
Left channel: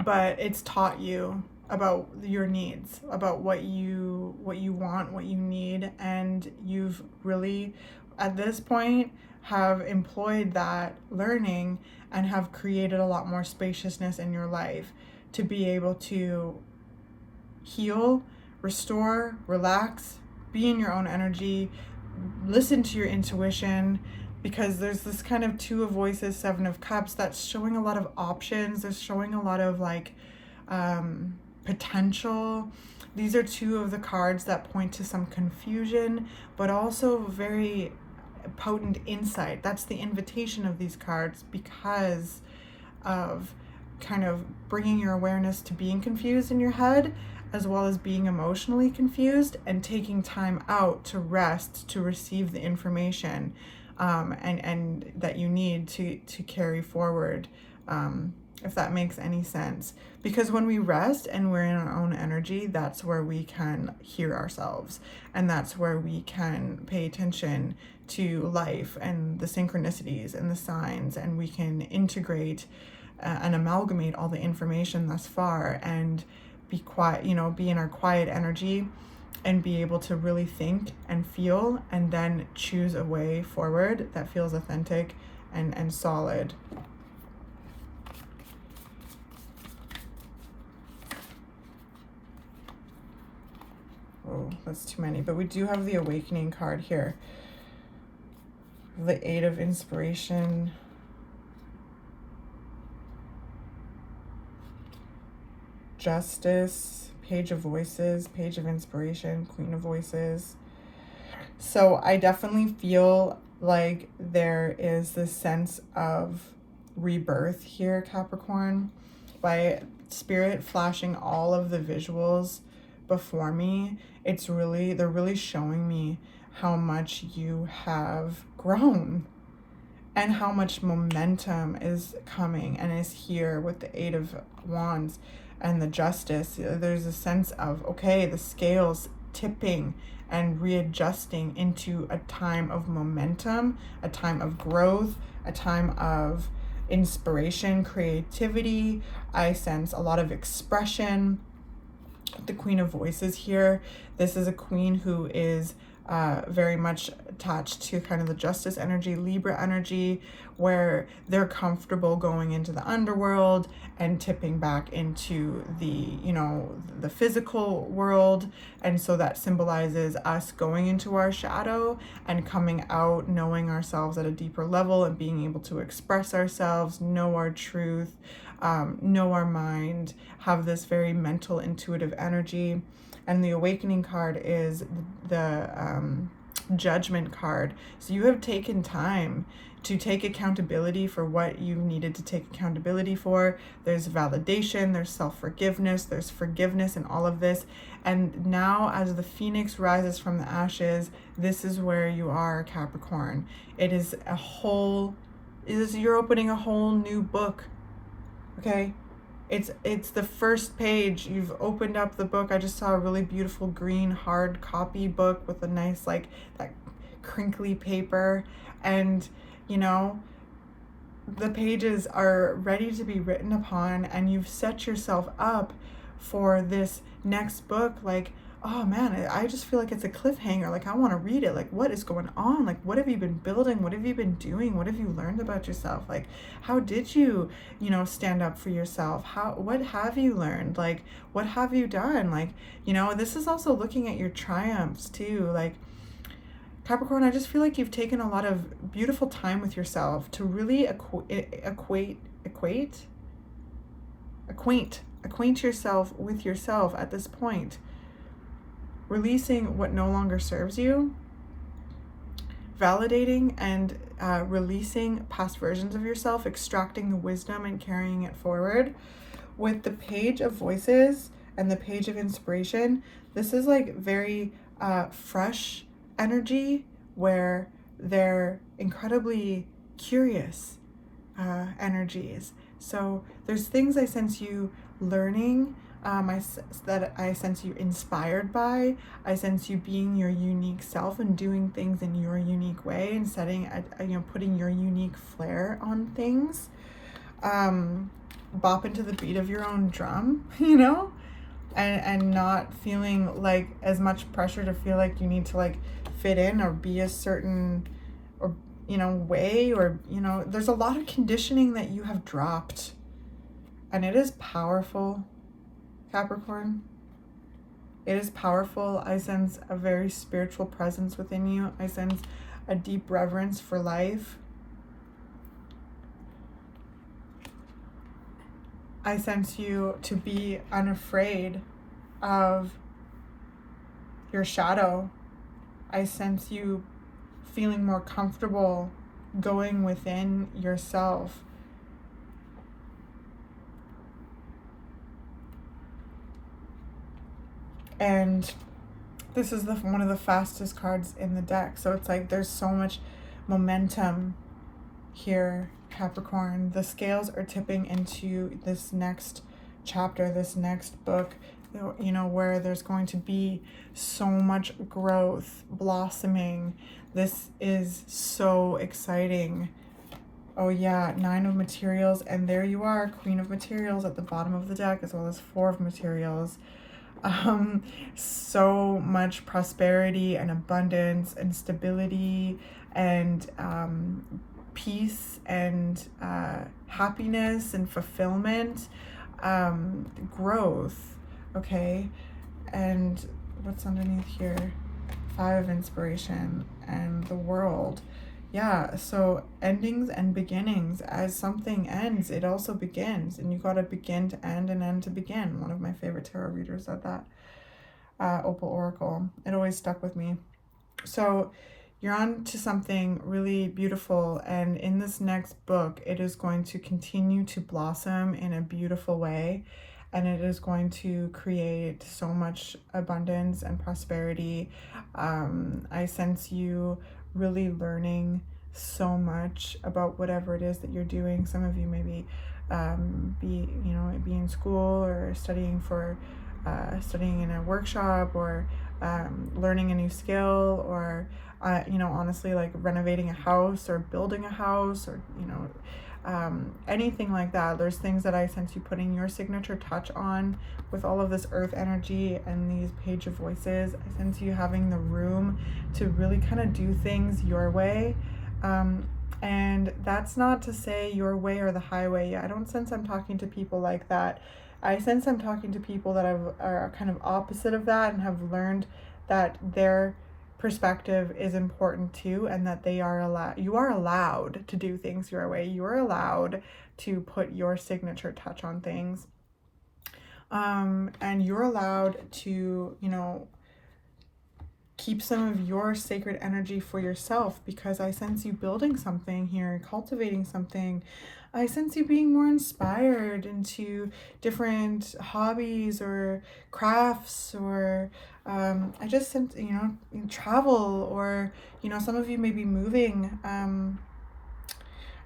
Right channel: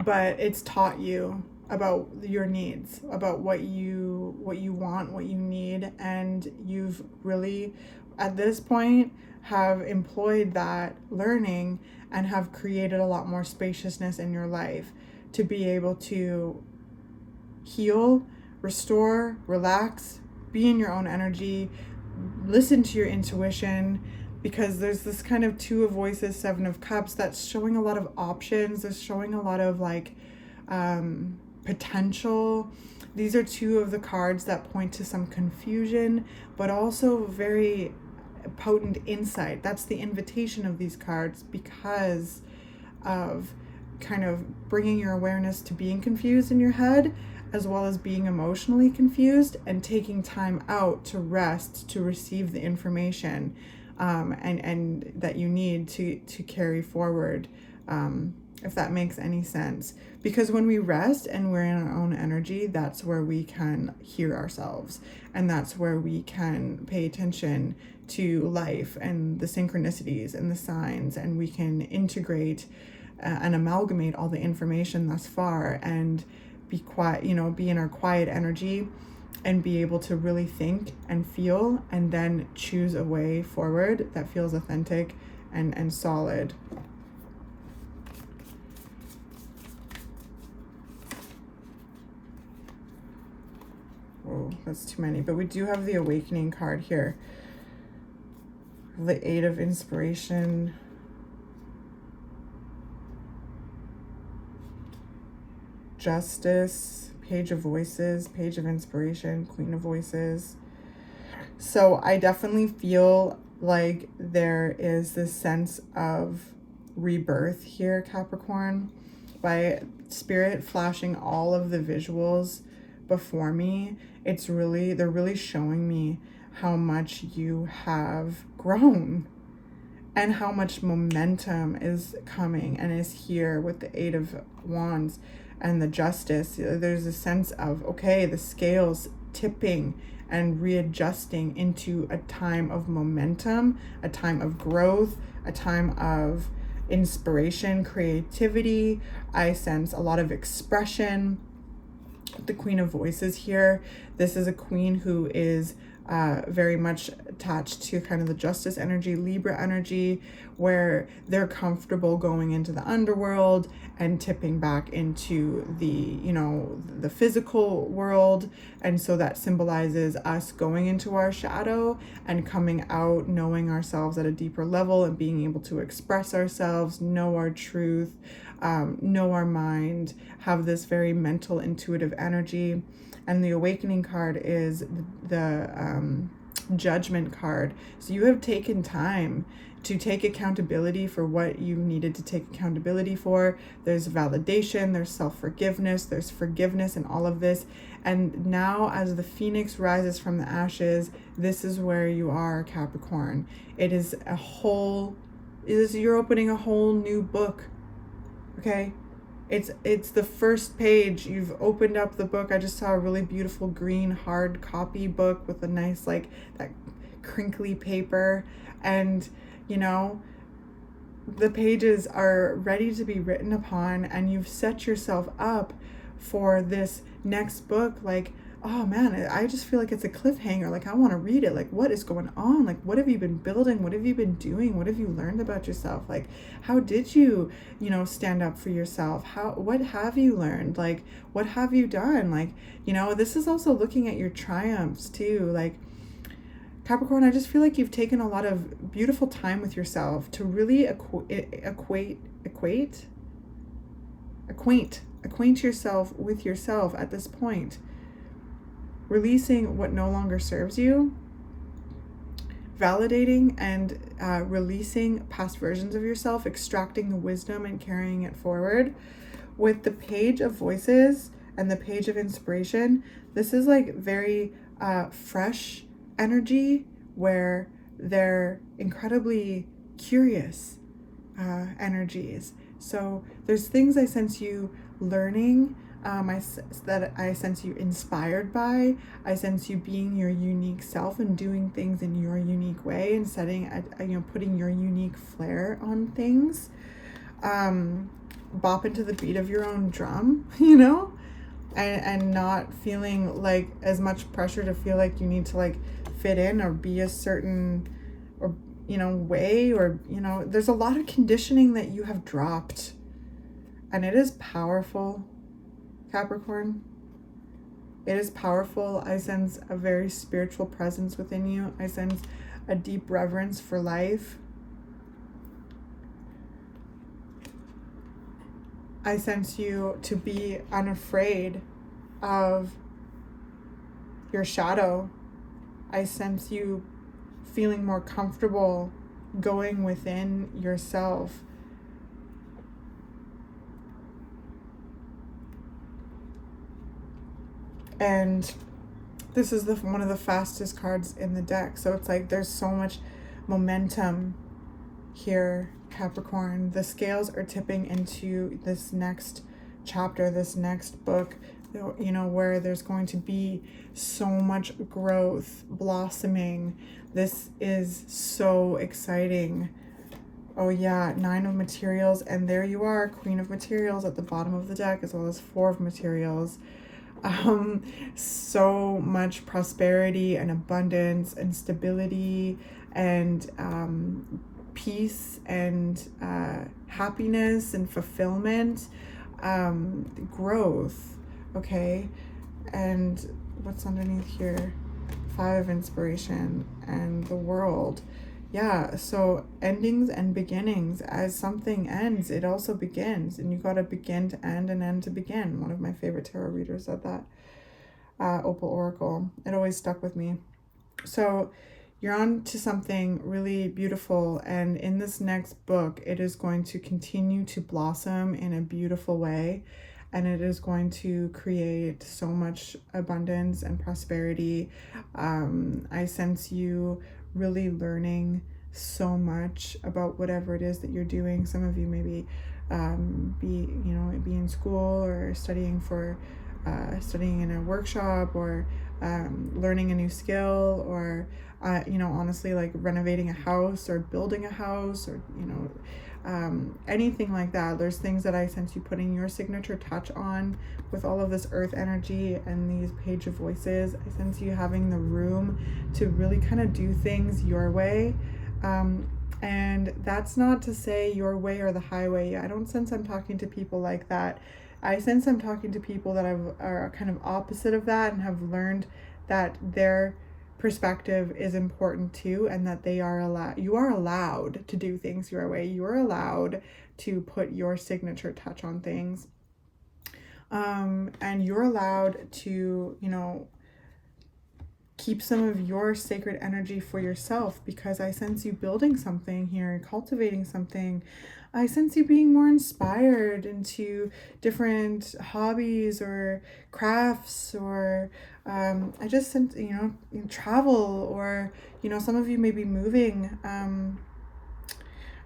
but it's taught you about your needs, about what you want, what you need, and you've really, at this point, have employed that learning and have created a lot more spaciousness in your life to be able to heal, restore, relax, be in your own energy, listen to your intuition, because there's this kind of Two of Voices, Seven of Cups, that's showing a lot of options. It's showing a lot of like potential. These are two of the cards that point to some confusion, but also very potent insight. That's the invitation of these cards, because of kind of bringing your awareness to being confused in your head, as well as being emotionally confused, and taking time out to rest, to receive the information and that you need to carry forward, if that makes any sense. Because when we rest and we're in our own energy, that's where we can hear ourselves, and that's where we can pay attention to life and the synchronicities and the signs, and we can integrate and amalgamate all the information thus far, and be quiet, you know, be in our quiet energy, and be able to really think and feel, and then choose a way forward that feels authentic and solid. Oh, that's too many, but we do have the Awakening card here. The Eight of Inspiration, Justice, Page of Voices, Page of Inspiration, Queen of Voices. So I definitely feel like there is this sense of rebirth here, Capricorn, by Spirit flashing all of the visuals before me. They're really showing me how much you have grown and how much momentum is coming and is here with the Eight of Wands and the Justice. There's a sense of, okay, the scales tipping and readjusting into a time of momentum, a time of growth, a time of inspiration, creativity. I sense a lot of expression. The Queen of Voices here. This is a queen who is very much attached to kind of the Justice energy, Libra energy, where they're comfortable going into the underworld and tipping back into the, you know, the physical world. And so that symbolizes us going into our shadow and coming out, knowing ourselves at a deeper level and being able to express ourselves, know our truth, know our mind, have this very mental, intuitive energy. And the Awakening card is the Judgment card. So you have taken time to take accountability for what you needed to take accountability for. There's validation, there's self-forgiveness, there's forgiveness and all of this. And now as the phoenix rises from the ashes, this is where you are, Capricorn. You're opening a whole new book. Okay? It's the first page. You've opened up the book. I just saw a really beautiful green hard copy book with a nice, like, that crinkly paper. And, you know, the pages are ready to be written upon, and you've set yourself up for this next book. Like, oh man, I just feel like it's a cliffhanger. Like, I want to read it. Like, what is going on? Like, what have you been building? What have you been doing? What have you learned about yourself? Like, how did you, stand up for yourself? What have you learned? Like, what have you done? Like, this is also looking at your triumphs too. Like, Capricorn, I just feel like you've taken a lot of beautiful time with yourself to really acquaint yourself with yourself at this point. Releasing what no longer serves you, validating and releasing past versions of yourself, extracting the wisdom and carrying it forward. With the Page of Voices and the Page of Inspiration, this is like very fresh energy where they're incredibly curious energies. So there's things I sense you learning, that I sense you inspired by. I sense you being your unique self and doing things in your unique way and putting your unique flair on things. Bop into the beat of your own drum, and not feeling like as much pressure to feel like you need to like fit in or be a certain way, or there's a lot of conditioning that you have dropped, and it is powerful, Capricorn. It is powerful. I sense a very spiritual presence within you. I sense a deep reverence for life. I sense you to be unafraid of your shadow. I sense you feeling more comfortable going within yourself. And this is one of the fastest cards in the deck. So it's like there's so much momentum here, Capricorn. The scales are tipping into this next chapter, this next book, where there's going to be so much growth, blossoming. This is so exciting. Oh yeah, 9 of Materials, and there you are, Queen of Materials at the bottom of the deck, as well as 4 of Materials. So much prosperity and abundance and stability and peace and happiness and fulfillment, growth. Okay, and what's underneath here? 5 of Inspiration and the World. Yeah, so endings and beginnings. As something ends, it also begins, and you got to begin to end and end to begin. One of my favorite tarot readers said that. Opal Oracle. It always stuck with me. So you're on to something really beautiful, and in this next book, it is going to continue to blossom in a beautiful way, and it is going to create so much abundance and prosperity. I sense you really learning so much about whatever it is that you're doing. Some of you maybe be in school or studying in a workshop, or learning a new skill, or honestly, like renovating a house or building a house, or anything like that. There's things that I sense you putting your signature touch on with all of this earth energy and these page of voices. I sense you having the room to really kind of do things your way. And that's not to say your way or the highway. I don't sense I'm talking to people like that. I sense I'm talking to people that are kind of opposite of that and have learned that their perspective is important too, and that you are allowed to do things your way. You are allowed to put your signature touch on things. And you're allowed to, keep some of your sacred energy for yourself, because I sense you building something here, cultivating something. I sense you being more inspired into different hobbies or crafts, or I just sense, travel, or, some of you may be moving.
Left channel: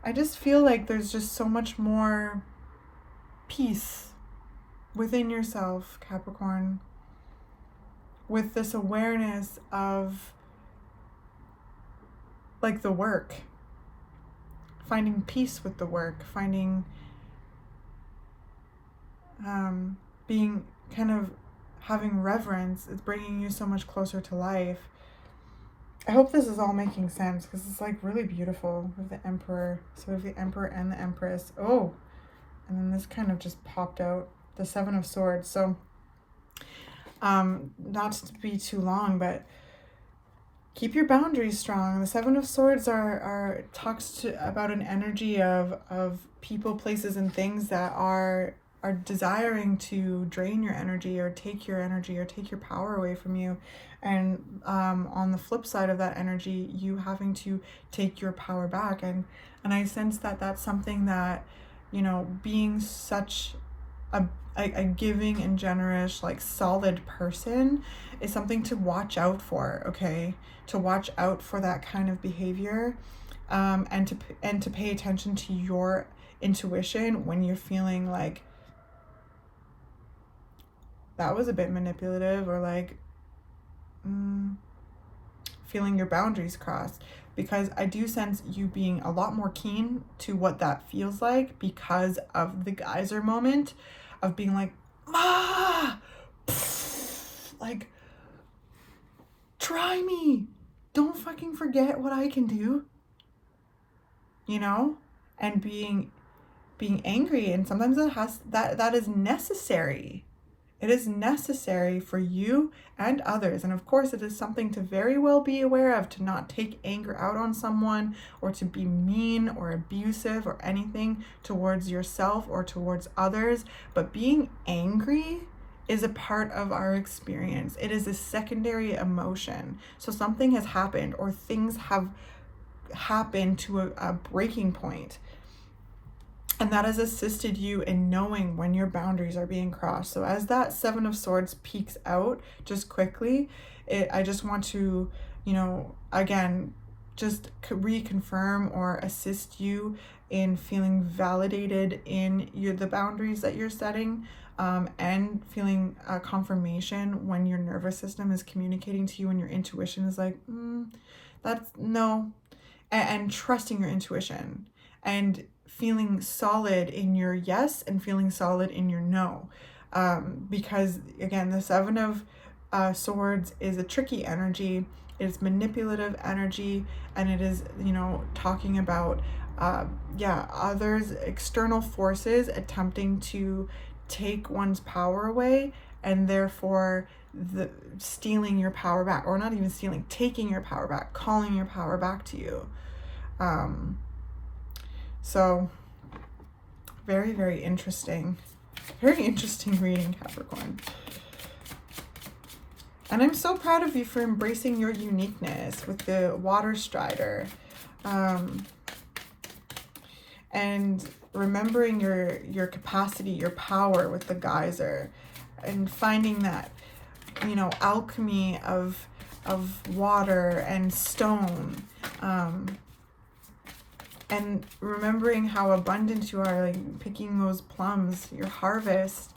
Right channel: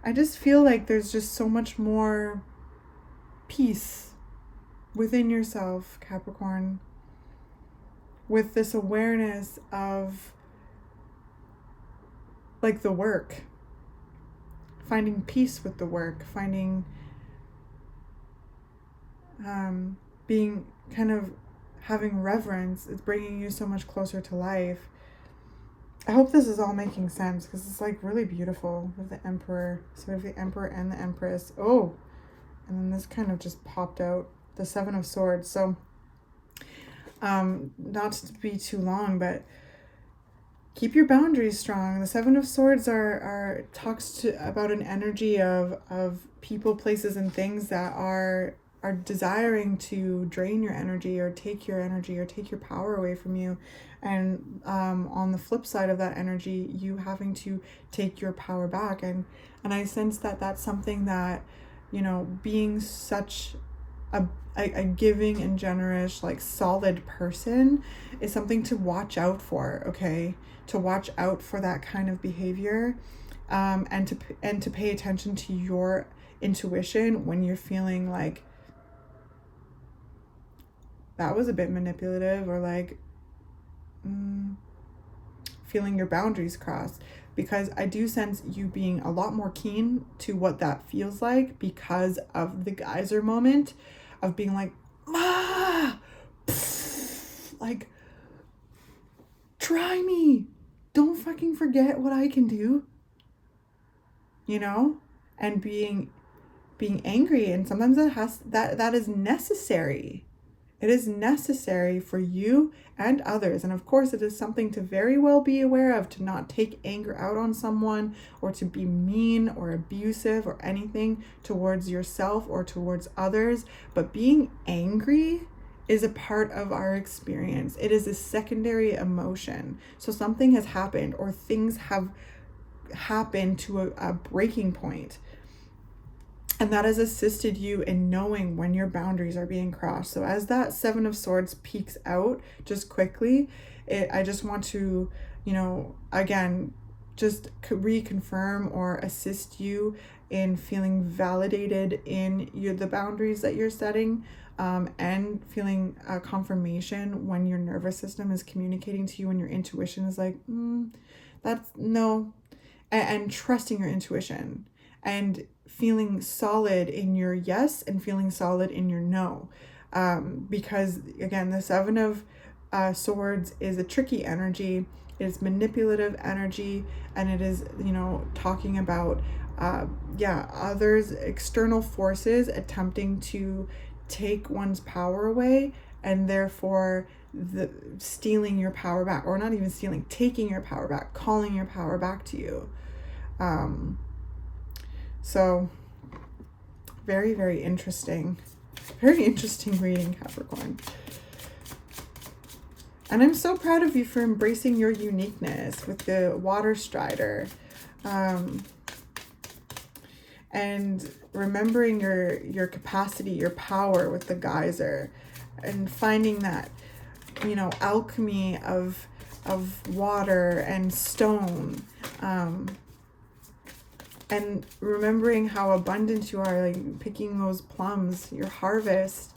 I just feel like there's just so much more peace within yourself, Capricorn, with this awareness of like the work, finding peace with the work, finding being kind of having reverence. It's bringing you so much closer to life. I hope this is all making sense, because it's like really beautiful with the Emperor. So we have the Emperor and the Empress. Oh, and then this kind of just popped out, the Seven of Swords. So not to be too long, but keep your boundaries strong. The Seven of Swords talks about an energy of people, places, and things that are desiring to drain your energy, or take your energy, or take your power away from you. And on the flip side of that energy, you having to take your power back. And I sense that that's something that, being such a giving and generous, like solid person, is something to watch out for. Okay, to watch out for that kind of behavior, and to pay attention to your intuition when you're feeling like that was a bit manipulative, or like feeling your boundaries crossed. Because I do sense you being a lot more keen to what that feels like, because of the geyser moment of being like, like, try me, don't fucking forget what I can do, and being angry. And sometimes that is necessary. It is necessary for you and others. And of course, it is something to very well be aware of, to not take anger out on someone, or to be mean or abusive or anything towards yourself or towards others. But being angry is a part of our experience. It is a secondary emotion. So something has happened, or things have happened to a breaking point. And that has assisted you in knowing when your boundaries are being crossed. So as that Seven of Swords peeks out just quickly, I just want to, again, just reconfirm or assist you in feeling validated in the boundaries that you're setting, and feeling confirmation when your nervous system is communicating to you and your intuition is like, that's no, and trusting your intuition, and feeling solid in your yes and feeling solid in your no. Because again, the Seven of Swords is a tricky energy. It's manipulative energy, and it is, talking about others, external forces attempting to take one's power away, and therefore stealing your power back, or not even stealing, taking your power back, calling your power back to you. So very, very interesting. Very interesting reading, Capricorn. And I'm so proud of you for embracing your uniqueness with the water strider. And remembering your capacity, your power with the geyser, and finding that, you know, alchemy of water and stone, and remembering how abundant you are, like picking those plums, your harvest,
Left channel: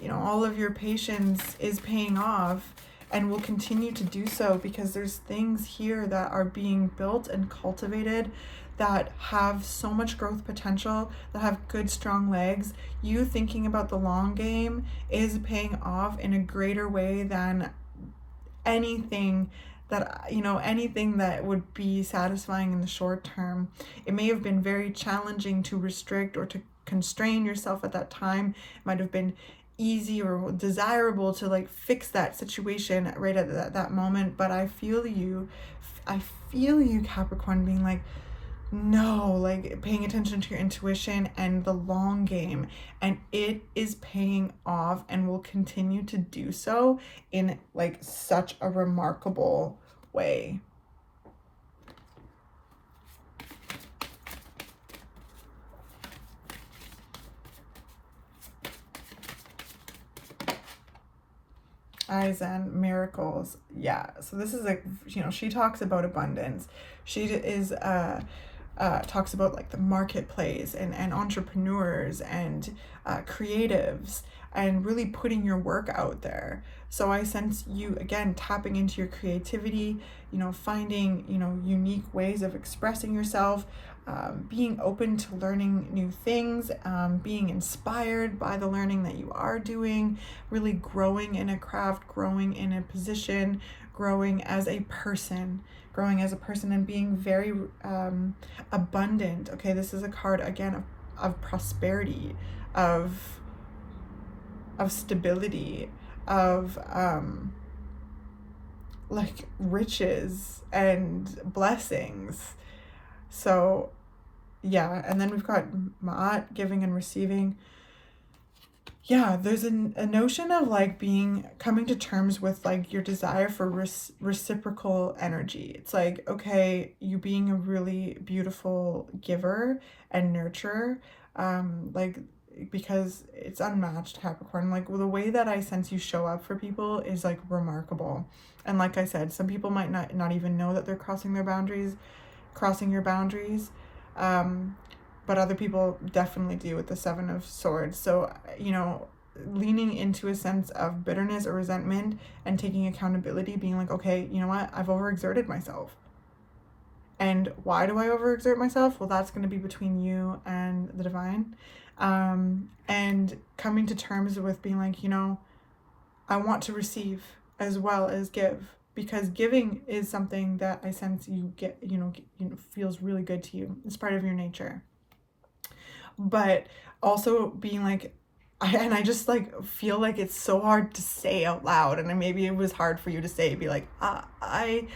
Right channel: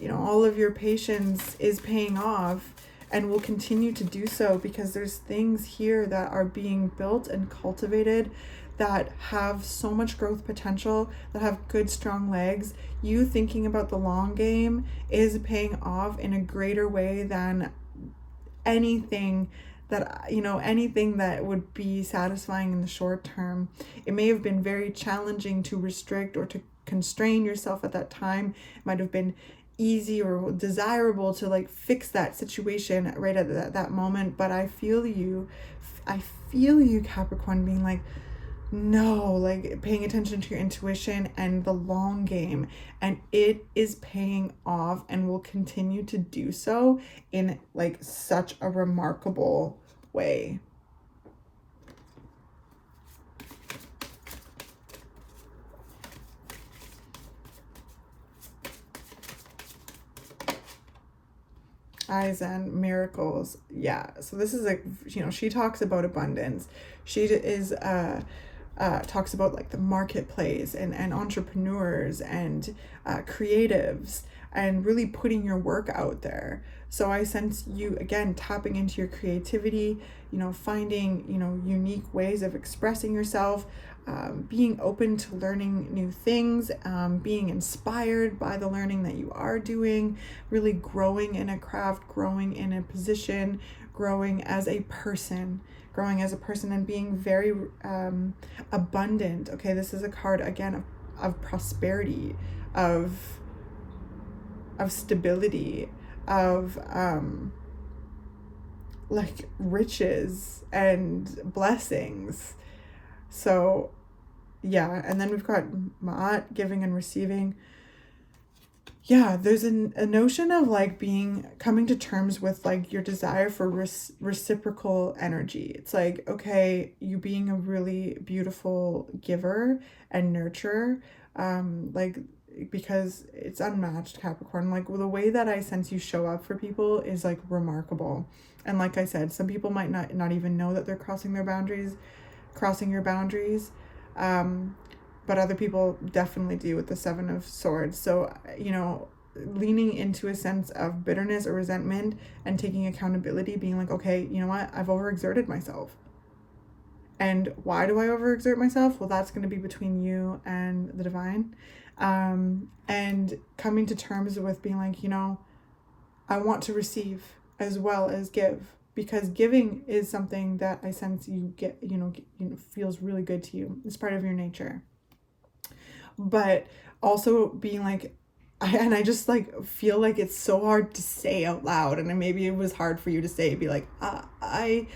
you know, all of your patience is paying off and will continue to do so, because there's things here that are being built and cultivated that have so much growth potential, that have good, strong legs. You thinking about the long game is paying off in a greater way than anything that, you know, anything that would be satisfying in the short term. It may have been very challenging to restrict or to constrain yourself at that time. It might have been easy or desirable to like fix that situation right at that moment, but I feel you, Capricorn, being like, no, like paying attention to your intuition and the long game, and it is paying off and will continue to do so in like such a remarkable way. Aizen, miracles. Yeah, so this is like, you know, she talks about abundance. She is talks about like the marketplace and entrepreneurs and creatives, and really putting your work out there. So I sense you again tapping into your creativity, you know, finding, you know, unique ways of expressing yourself, being open to learning new things, being inspired by the learning that you are doing, really growing in a craft, growing in a position, growing as a person, and being very abundant. Okay, this is a card again of prosperity, of stability, of like riches and blessings. So yeah, and then we've got Ma'at, giving and receiving. Yeah, there's a notion of like coming to terms with like your desire for reciprocal energy. It's like, okay, you being a really beautiful giver and nurturer, like, because it's unmatched, Capricorn. Like the way that I sense you show up for people is like remarkable. And like I said, some people might not even know that they're crossing your boundaries. But other people definitely do with the Seven of Swords. So, you know, leaning into a sense of bitterness or resentment and taking accountability, being like, okay, you know what, I've overexerted myself. And why do I overexert myself? Well, that's going to be between you and the divine. And coming to terms with being like, you know, I want to receive as well as give, because giving is something that I sense you get, you know, feels really good to you. It's part of your nature. But also being like, I just like feel like it's so hard to say out loud, and maybe it was hard for you to say, be like, I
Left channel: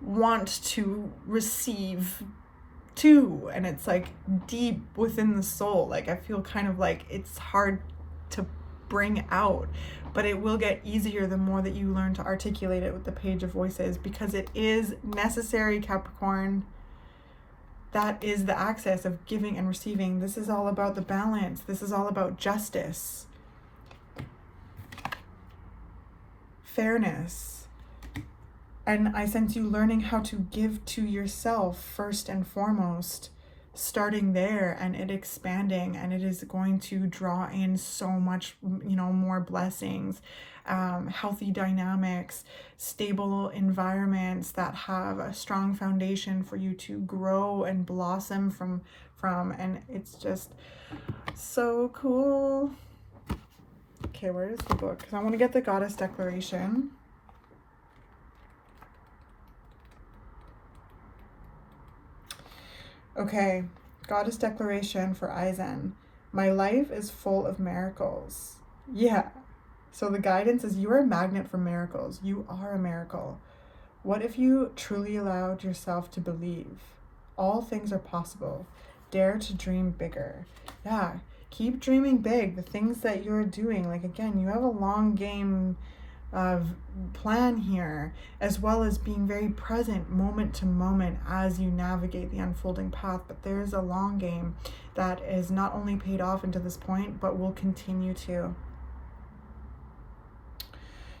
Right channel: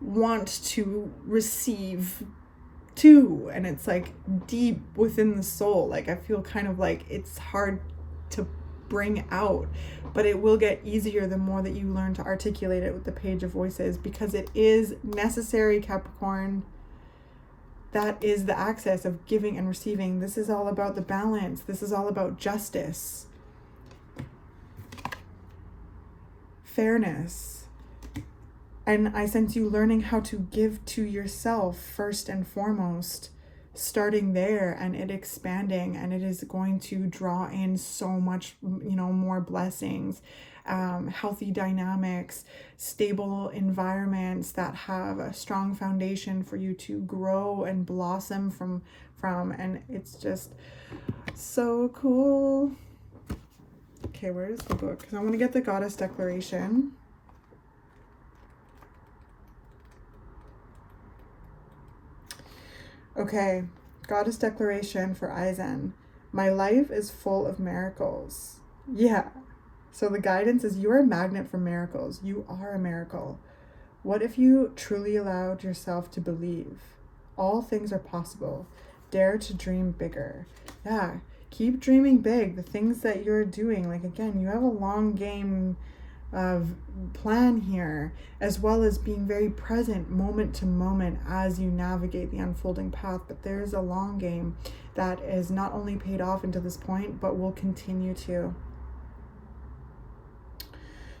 want to receive too, and it's like deep within the soul. Like I feel kind of like it's hard to bring out, but it will get easier the more that you learn to articulate it with the Page of Voices, because it is necessary, Capricorn. That is the access of giving and receiving. This is all about the balance. This is all about justice, fairness. And I sense you learning how to give to yourself first and foremost, starting there, and it expanding, and it is going to draw in so much, you know, more blessings, healthy dynamics, stable environments that have a strong foundation for you to grow and blossom from, and it's just so cool. Okay, where is the book? Because I want to get the Goddess Declaration. Okay, Goddess Declaration for Aizen. My life is full of miracles. Yeah. So the guidance is, you are a magnet for miracles. You are a miracle. What if you truly allowed yourself to believe? All things are possible. Dare to dream bigger. Yeah, keep dreaming big. The things that you're doing, like, again, you have a long game of plan here, as well as being very present moment to moment as you navigate the unfolding path. But there's a long game that is not only paid off into this point, but will continue to.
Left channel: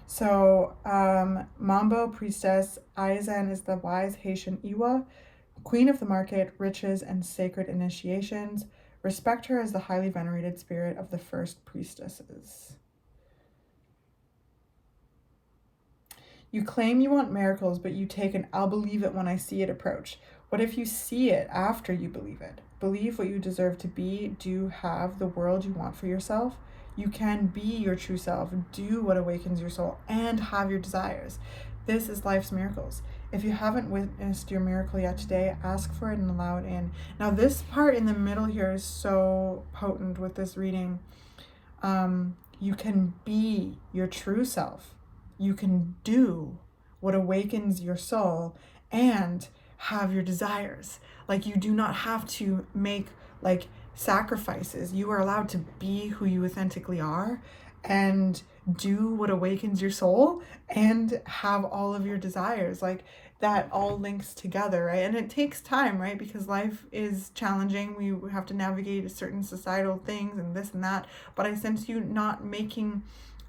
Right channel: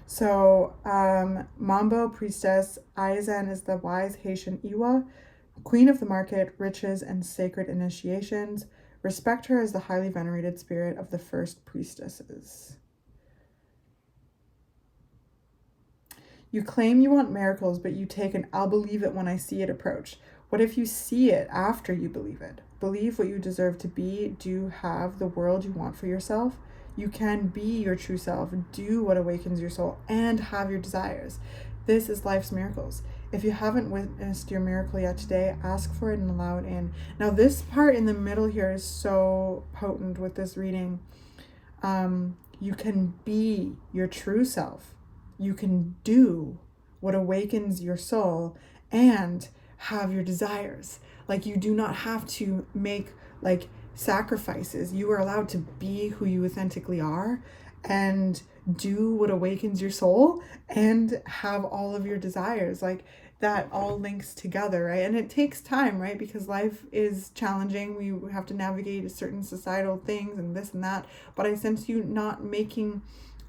So Mambo Priestess Aizen is the wise Haitian Iwa, queen of the market, riches, and sacred initiations. Respect her as the highly venerated spirit of the first priestesses. You claim you want miracles, but you take an "I'll believe it when I see it" approach. What if you see it after you believe it? Believe what you deserve to be. Do have the world you want for yourself. You can be your true self, do what awakens your soul, and have your desires. This is life's miracles. If you haven't witnessed your miracle yet today, ask for it and allow it in. Now, this part in the middle here is so potent with this reading. You can be your true self. You can do what awakens your soul and have your desires. Like, you do not have to make like sacrifices. You are allowed to be who you authentically are and do what awakens your soul and have all of your desires. Like, that all links together, right? And it takes time, right? Because life is challenging. We have to navigate certain societal things and this and that. But I sense you not making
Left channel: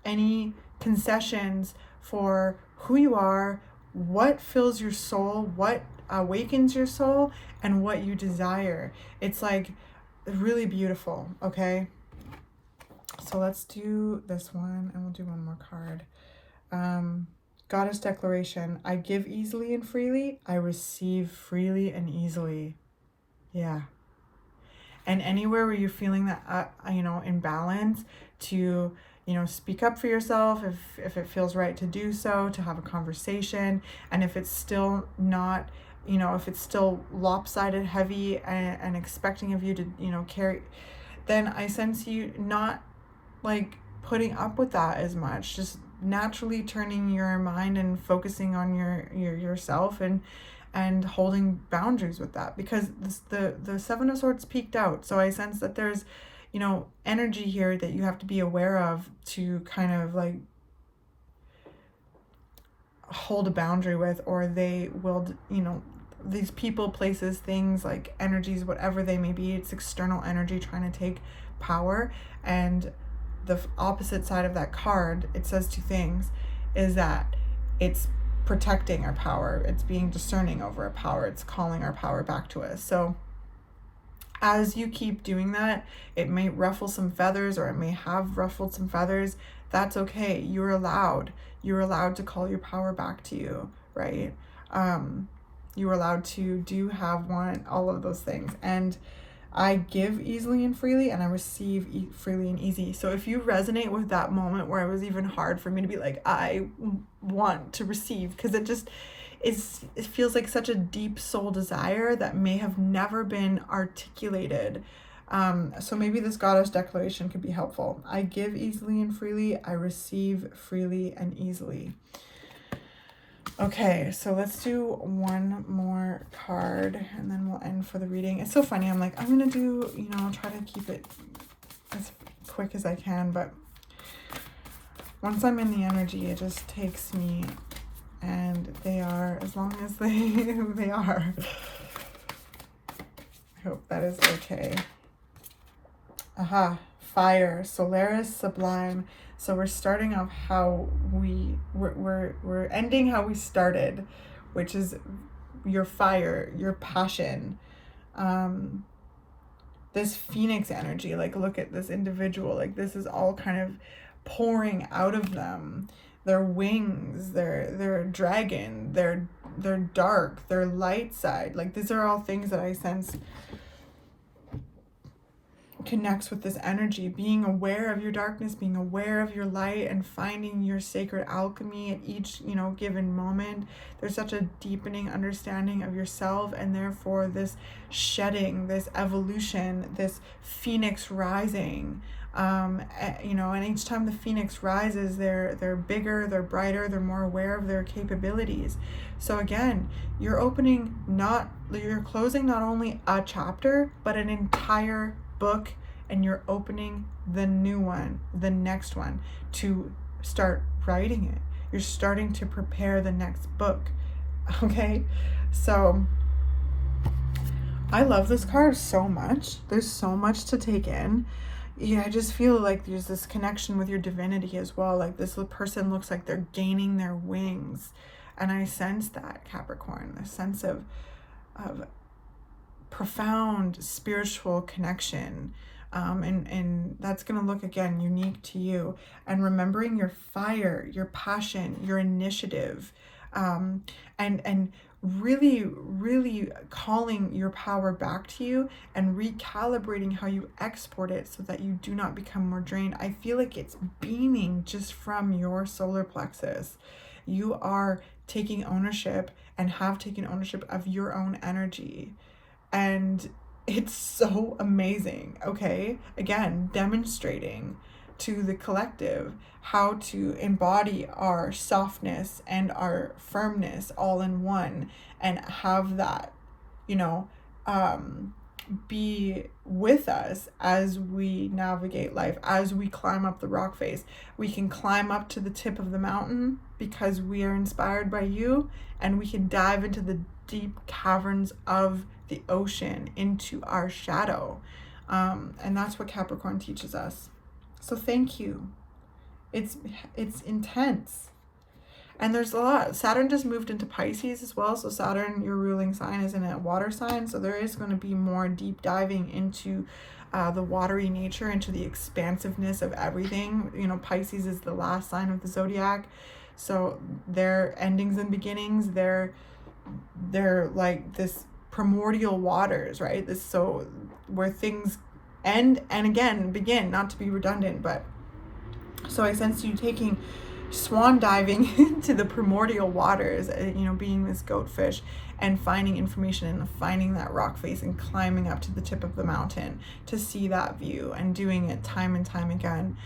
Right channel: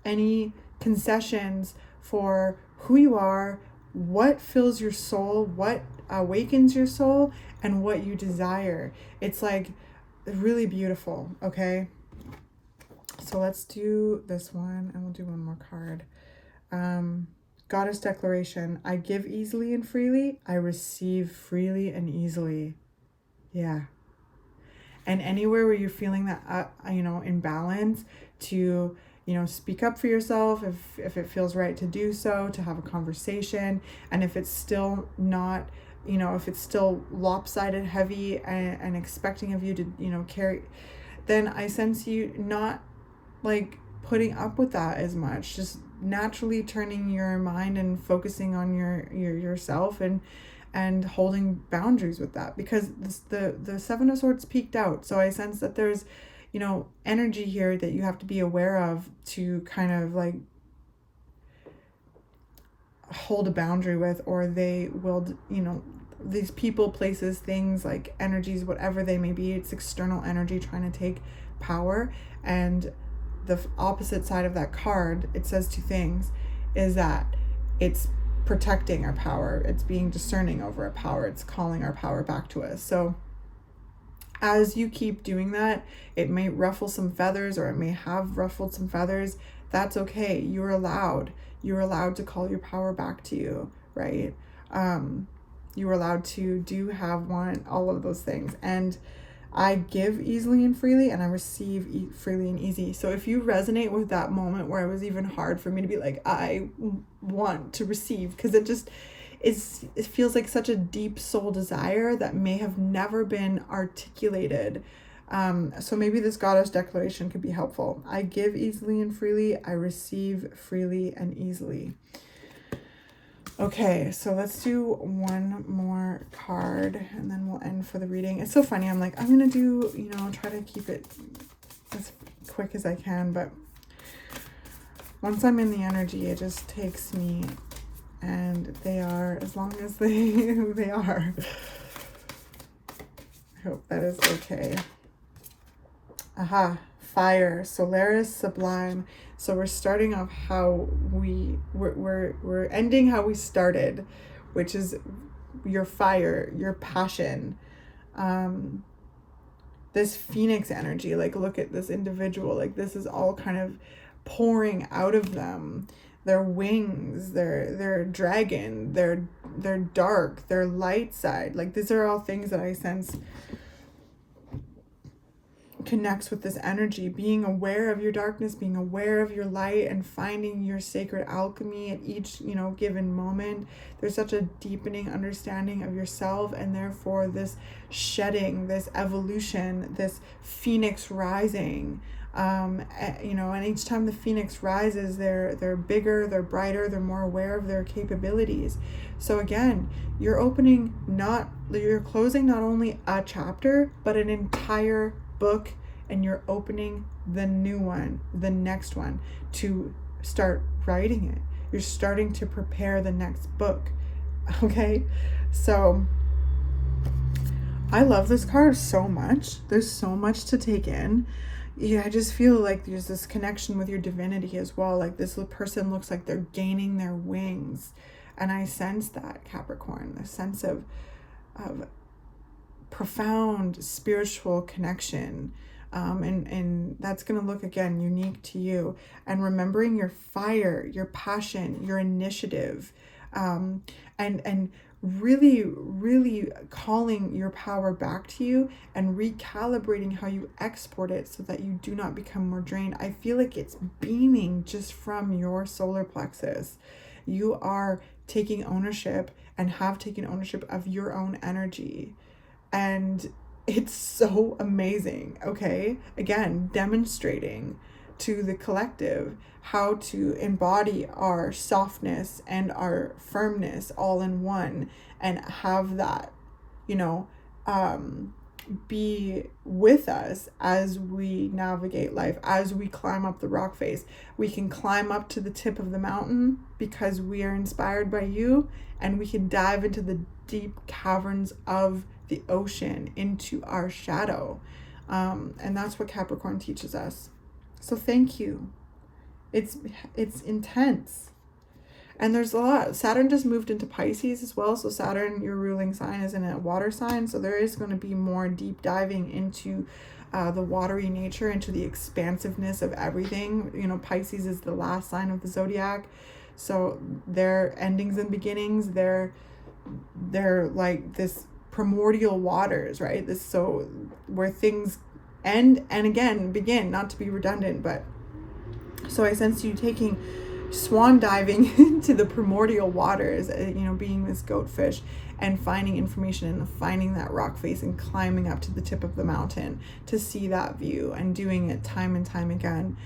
any concessions for who you are, what fills your soul, what awakens your soul, and what you desire. It's like really beautiful. Okay, so let's do this one and we'll do one more card. Goddess declaration. I give easily and freely. I receive freely and easily. Yeah. And anywhere where you're feeling that imbalance, to speak up for yourself if it feels right to do so, to have a conversation. And if it's still not, if it's still lopsided, heavy, and expecting of you to carry, then I sense you not like putting up with that as much, just naturally turning your mind and focusing on yourself and holding boundaries with that, because the Seven of Swords peaked out. So I sense that there's energy here that you have to be aware of, to kind of like hold a boundary with, or they will, these people, places, things, like energies, whatever they may be, it's external energy trying to take power. And the opposite side of that card, it says two things, is that it's protecting our power, it's being discerning over our power, it's calling our power back to us. So as you keep doing that, it may ruffle some feathers, or it may have ruffled some feathers. That's okay. You're allowed to call your power back to you, right? You are allowed to have all of those things. And I give easily and freely, and I receive freely and easy. So if you resonate with that moment where it was even hard for me to be like, I want to receive, because it feels like such a deep soul desire that may have never been articulated. So maybe this goddess declaration could be helpful. I give easily and freely. I receive freely and easily. Okay, so let's do one more card and then we'll end for the reading. It's so funny. I'm like, I'm going to do, try to keep it as quick as I can. But once I'm in the energy, it just takes me, and they are, as long as they are. I hope that is okay. Aha, fire, Solaris, sublime. So we're starting off how we're ending how we started, which is your fire, your passion. This phoenix energy, like, look at this individual, like, this is all kind of pouring out of them. Their wings, their dragon, their dark, their light side. Like, these are all things that I sense connects with this energy, being aware of your darkness, being aware of your light, and finding your sacred alchemy at each given moment. There's such a deepening understanding of yourself, and therefore this shedding, this evolution, this phoenix rising, You know, and each time the phoenix rises, they're bigger, they're brighter, they're more aware of their capabilities. So again, you're closing not only a chapter, but an entire book, and you're opening the new one, the next one, to start writing it. You're starting to prepare the next book. Okay, so I love this card so much. There's so much to take in. Yeah, I just feel like there's this connection with your divinity as well. Like this person looks like they're gaining their wings. And I sense that, Capricorn, the sense of profound spiritual connection. And that's going to look, again, unique to you. And remembering your fire, your passion, your initiative, and really, really calling your power back to you and recalibrating how you export it so that you do not become more drained. I feel like it's beaming just from your solar plexus. You are taking ownership and have taken ownership of your own energy. And it's so amazing, okay? Again, demonstrating to the collective how to embody our softness and our firmness all in one, and have that, you know, be with us as we navigate life, as we climb up the rock face. We can climb up to the tip of the mountain because we are inspired by you, and we can dive into the deep caverns of the ocean, into our shadow. And that's what Capricorn teaches us. So thank you. It's intense. And there's a lot. Saturn just moved into Pisces as well. So Saturn, your ruling sign, is in a water sign. So there is going to be more deep diving into the watery nature, into the expansiveness of everything. You know, Pisces is the last sign of the zodiac. So their endings and beginnings, they're like this primordial waters, right? This, so where things end and again begin, not to be redundant, but so I sense you taking swan diving into the primordial waters, you know, being this goatfish and finding information and finding that rock face and climbing up to the tip of the mountain to see that view, and doing it time and time again,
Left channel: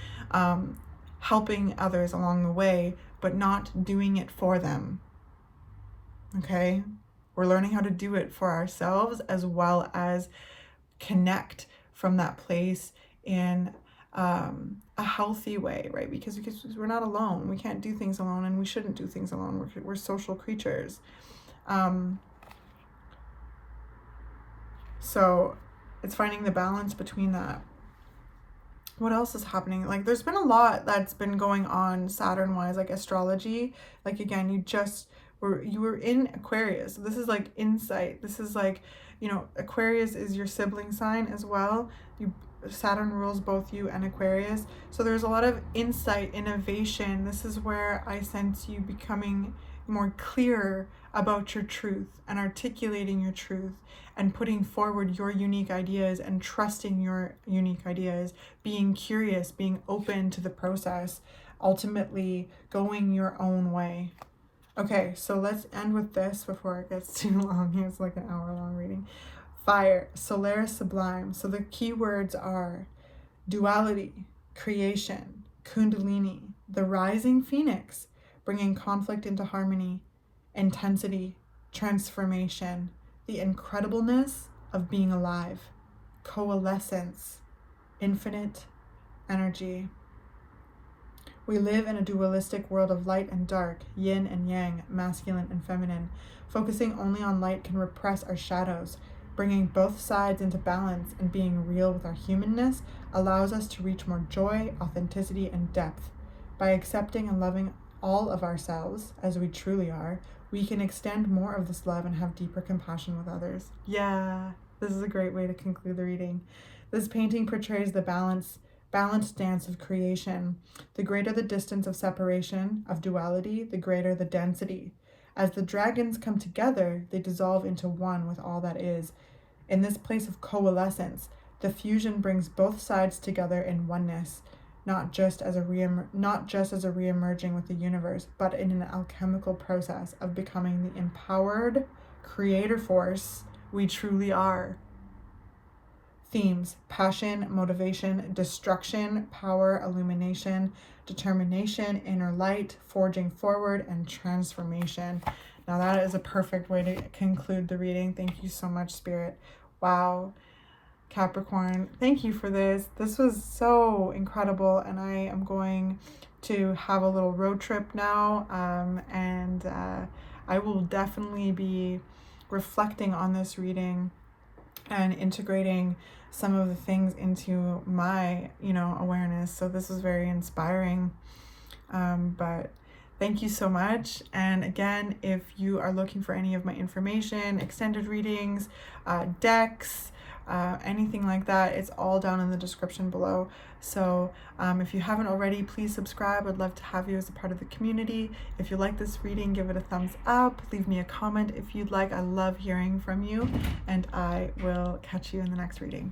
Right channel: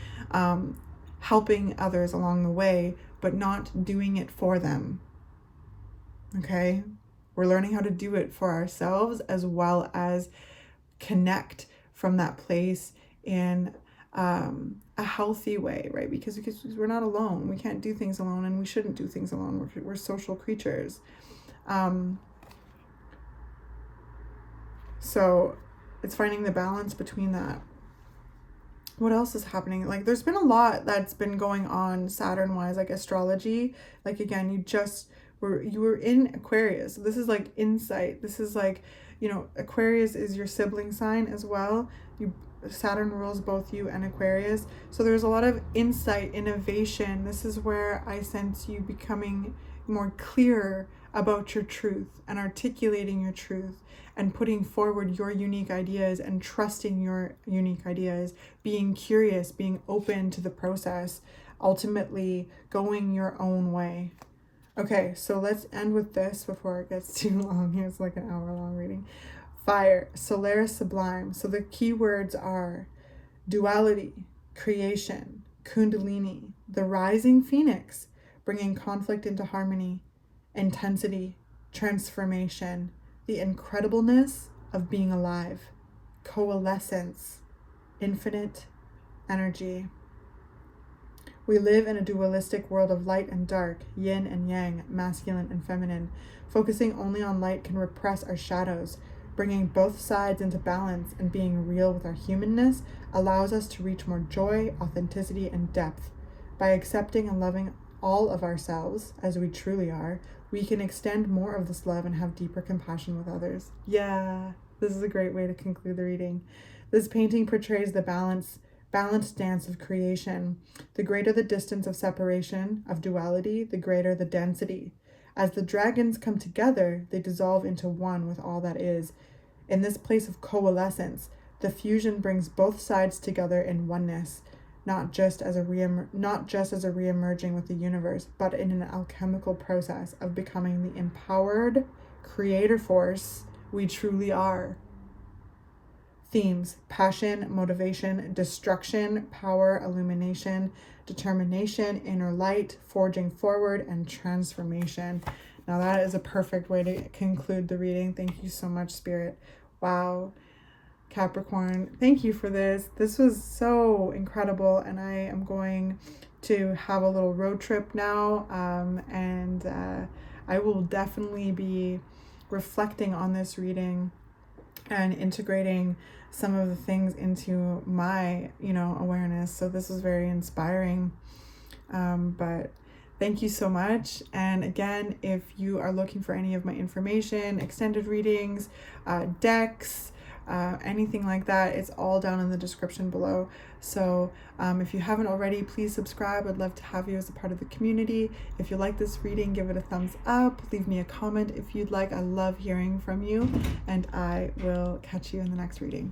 helping others along the way, but not doing it for them. Okay, we're learning how to do it for ourselves, as well as connect from that place in a healthy way, right? Because we're not alone. We can't do things alone, and we shouldn't do things alone. We're social creatures. So it's finding the balance between that. What else is happening? Like, there's been a lot that's been going on Saturn wise, like astrology. Like, again, you were in Aquarius. So this is like insight. This is like, you know, Aquarius is your sibling sign as well. Saturn rules both you and Aquarius. So there's a lot of insight, innovation. This is where I sense you becoming more clear about your truth and articulating your truth and putting forward your unique ideas and trusting your unique ideas, being curious, being open to the process, ultimately going your own way. Okay, so let's end with this before it gets too long. It's like an hour-long reading. Fire, Solaris Sublime. So the key words are duality, creation, Kundalini, the rising phoenix, bringing conflict into harmony, intensity, transformation, the incredibleness of being alive, coalescence, infinite energy. We live in a dualistic world of light and dark, yin and yang, masculine and feminine. Focusing only on light can repress our shadows. Bringing both sides into balance and being real with our humanness allows us to reach more joy, authenticity, and depth. By accepting and loving all of ourselves as we truly are, we can extend more of this love and have deeper compassion with others. Yeah, this is a great way to conclude the reading. This painting portrays the balanced dance of creation. The greater the distance of separation, of duality, the greater the density. As the dragons come together, they dissolve into one with all that is. In this place of coalescence, the fusion brings both sides together in oneness, not just as a reemerging with the universe, but in an alchemical process of becoming the empowered creator force we truly are. Themes: passion, motivation, destruction, power, illumination, determination, inner light, forging forward, and transformation. Now that is a perfect way to conclude the reading. Thank you so much, Spirit. Wow. Capricorn, thank you for this. This was so incredible, and I am going to have a little road trip now, and I will definitely be reflecting on this reading and integrating some of the things into my, awareness. So this was very inspiring. But thank you so much. And again, if you are looking for any of my information, extended readings, decks, anything like that, it's all down in the description below. So if you haven't already, please subscribe. I'd love to have you as a part of the community. If you like this reading, give it a thumbs up. Leave me a comment if you'd like. I love hearing from you, and I will catch you in the next reading.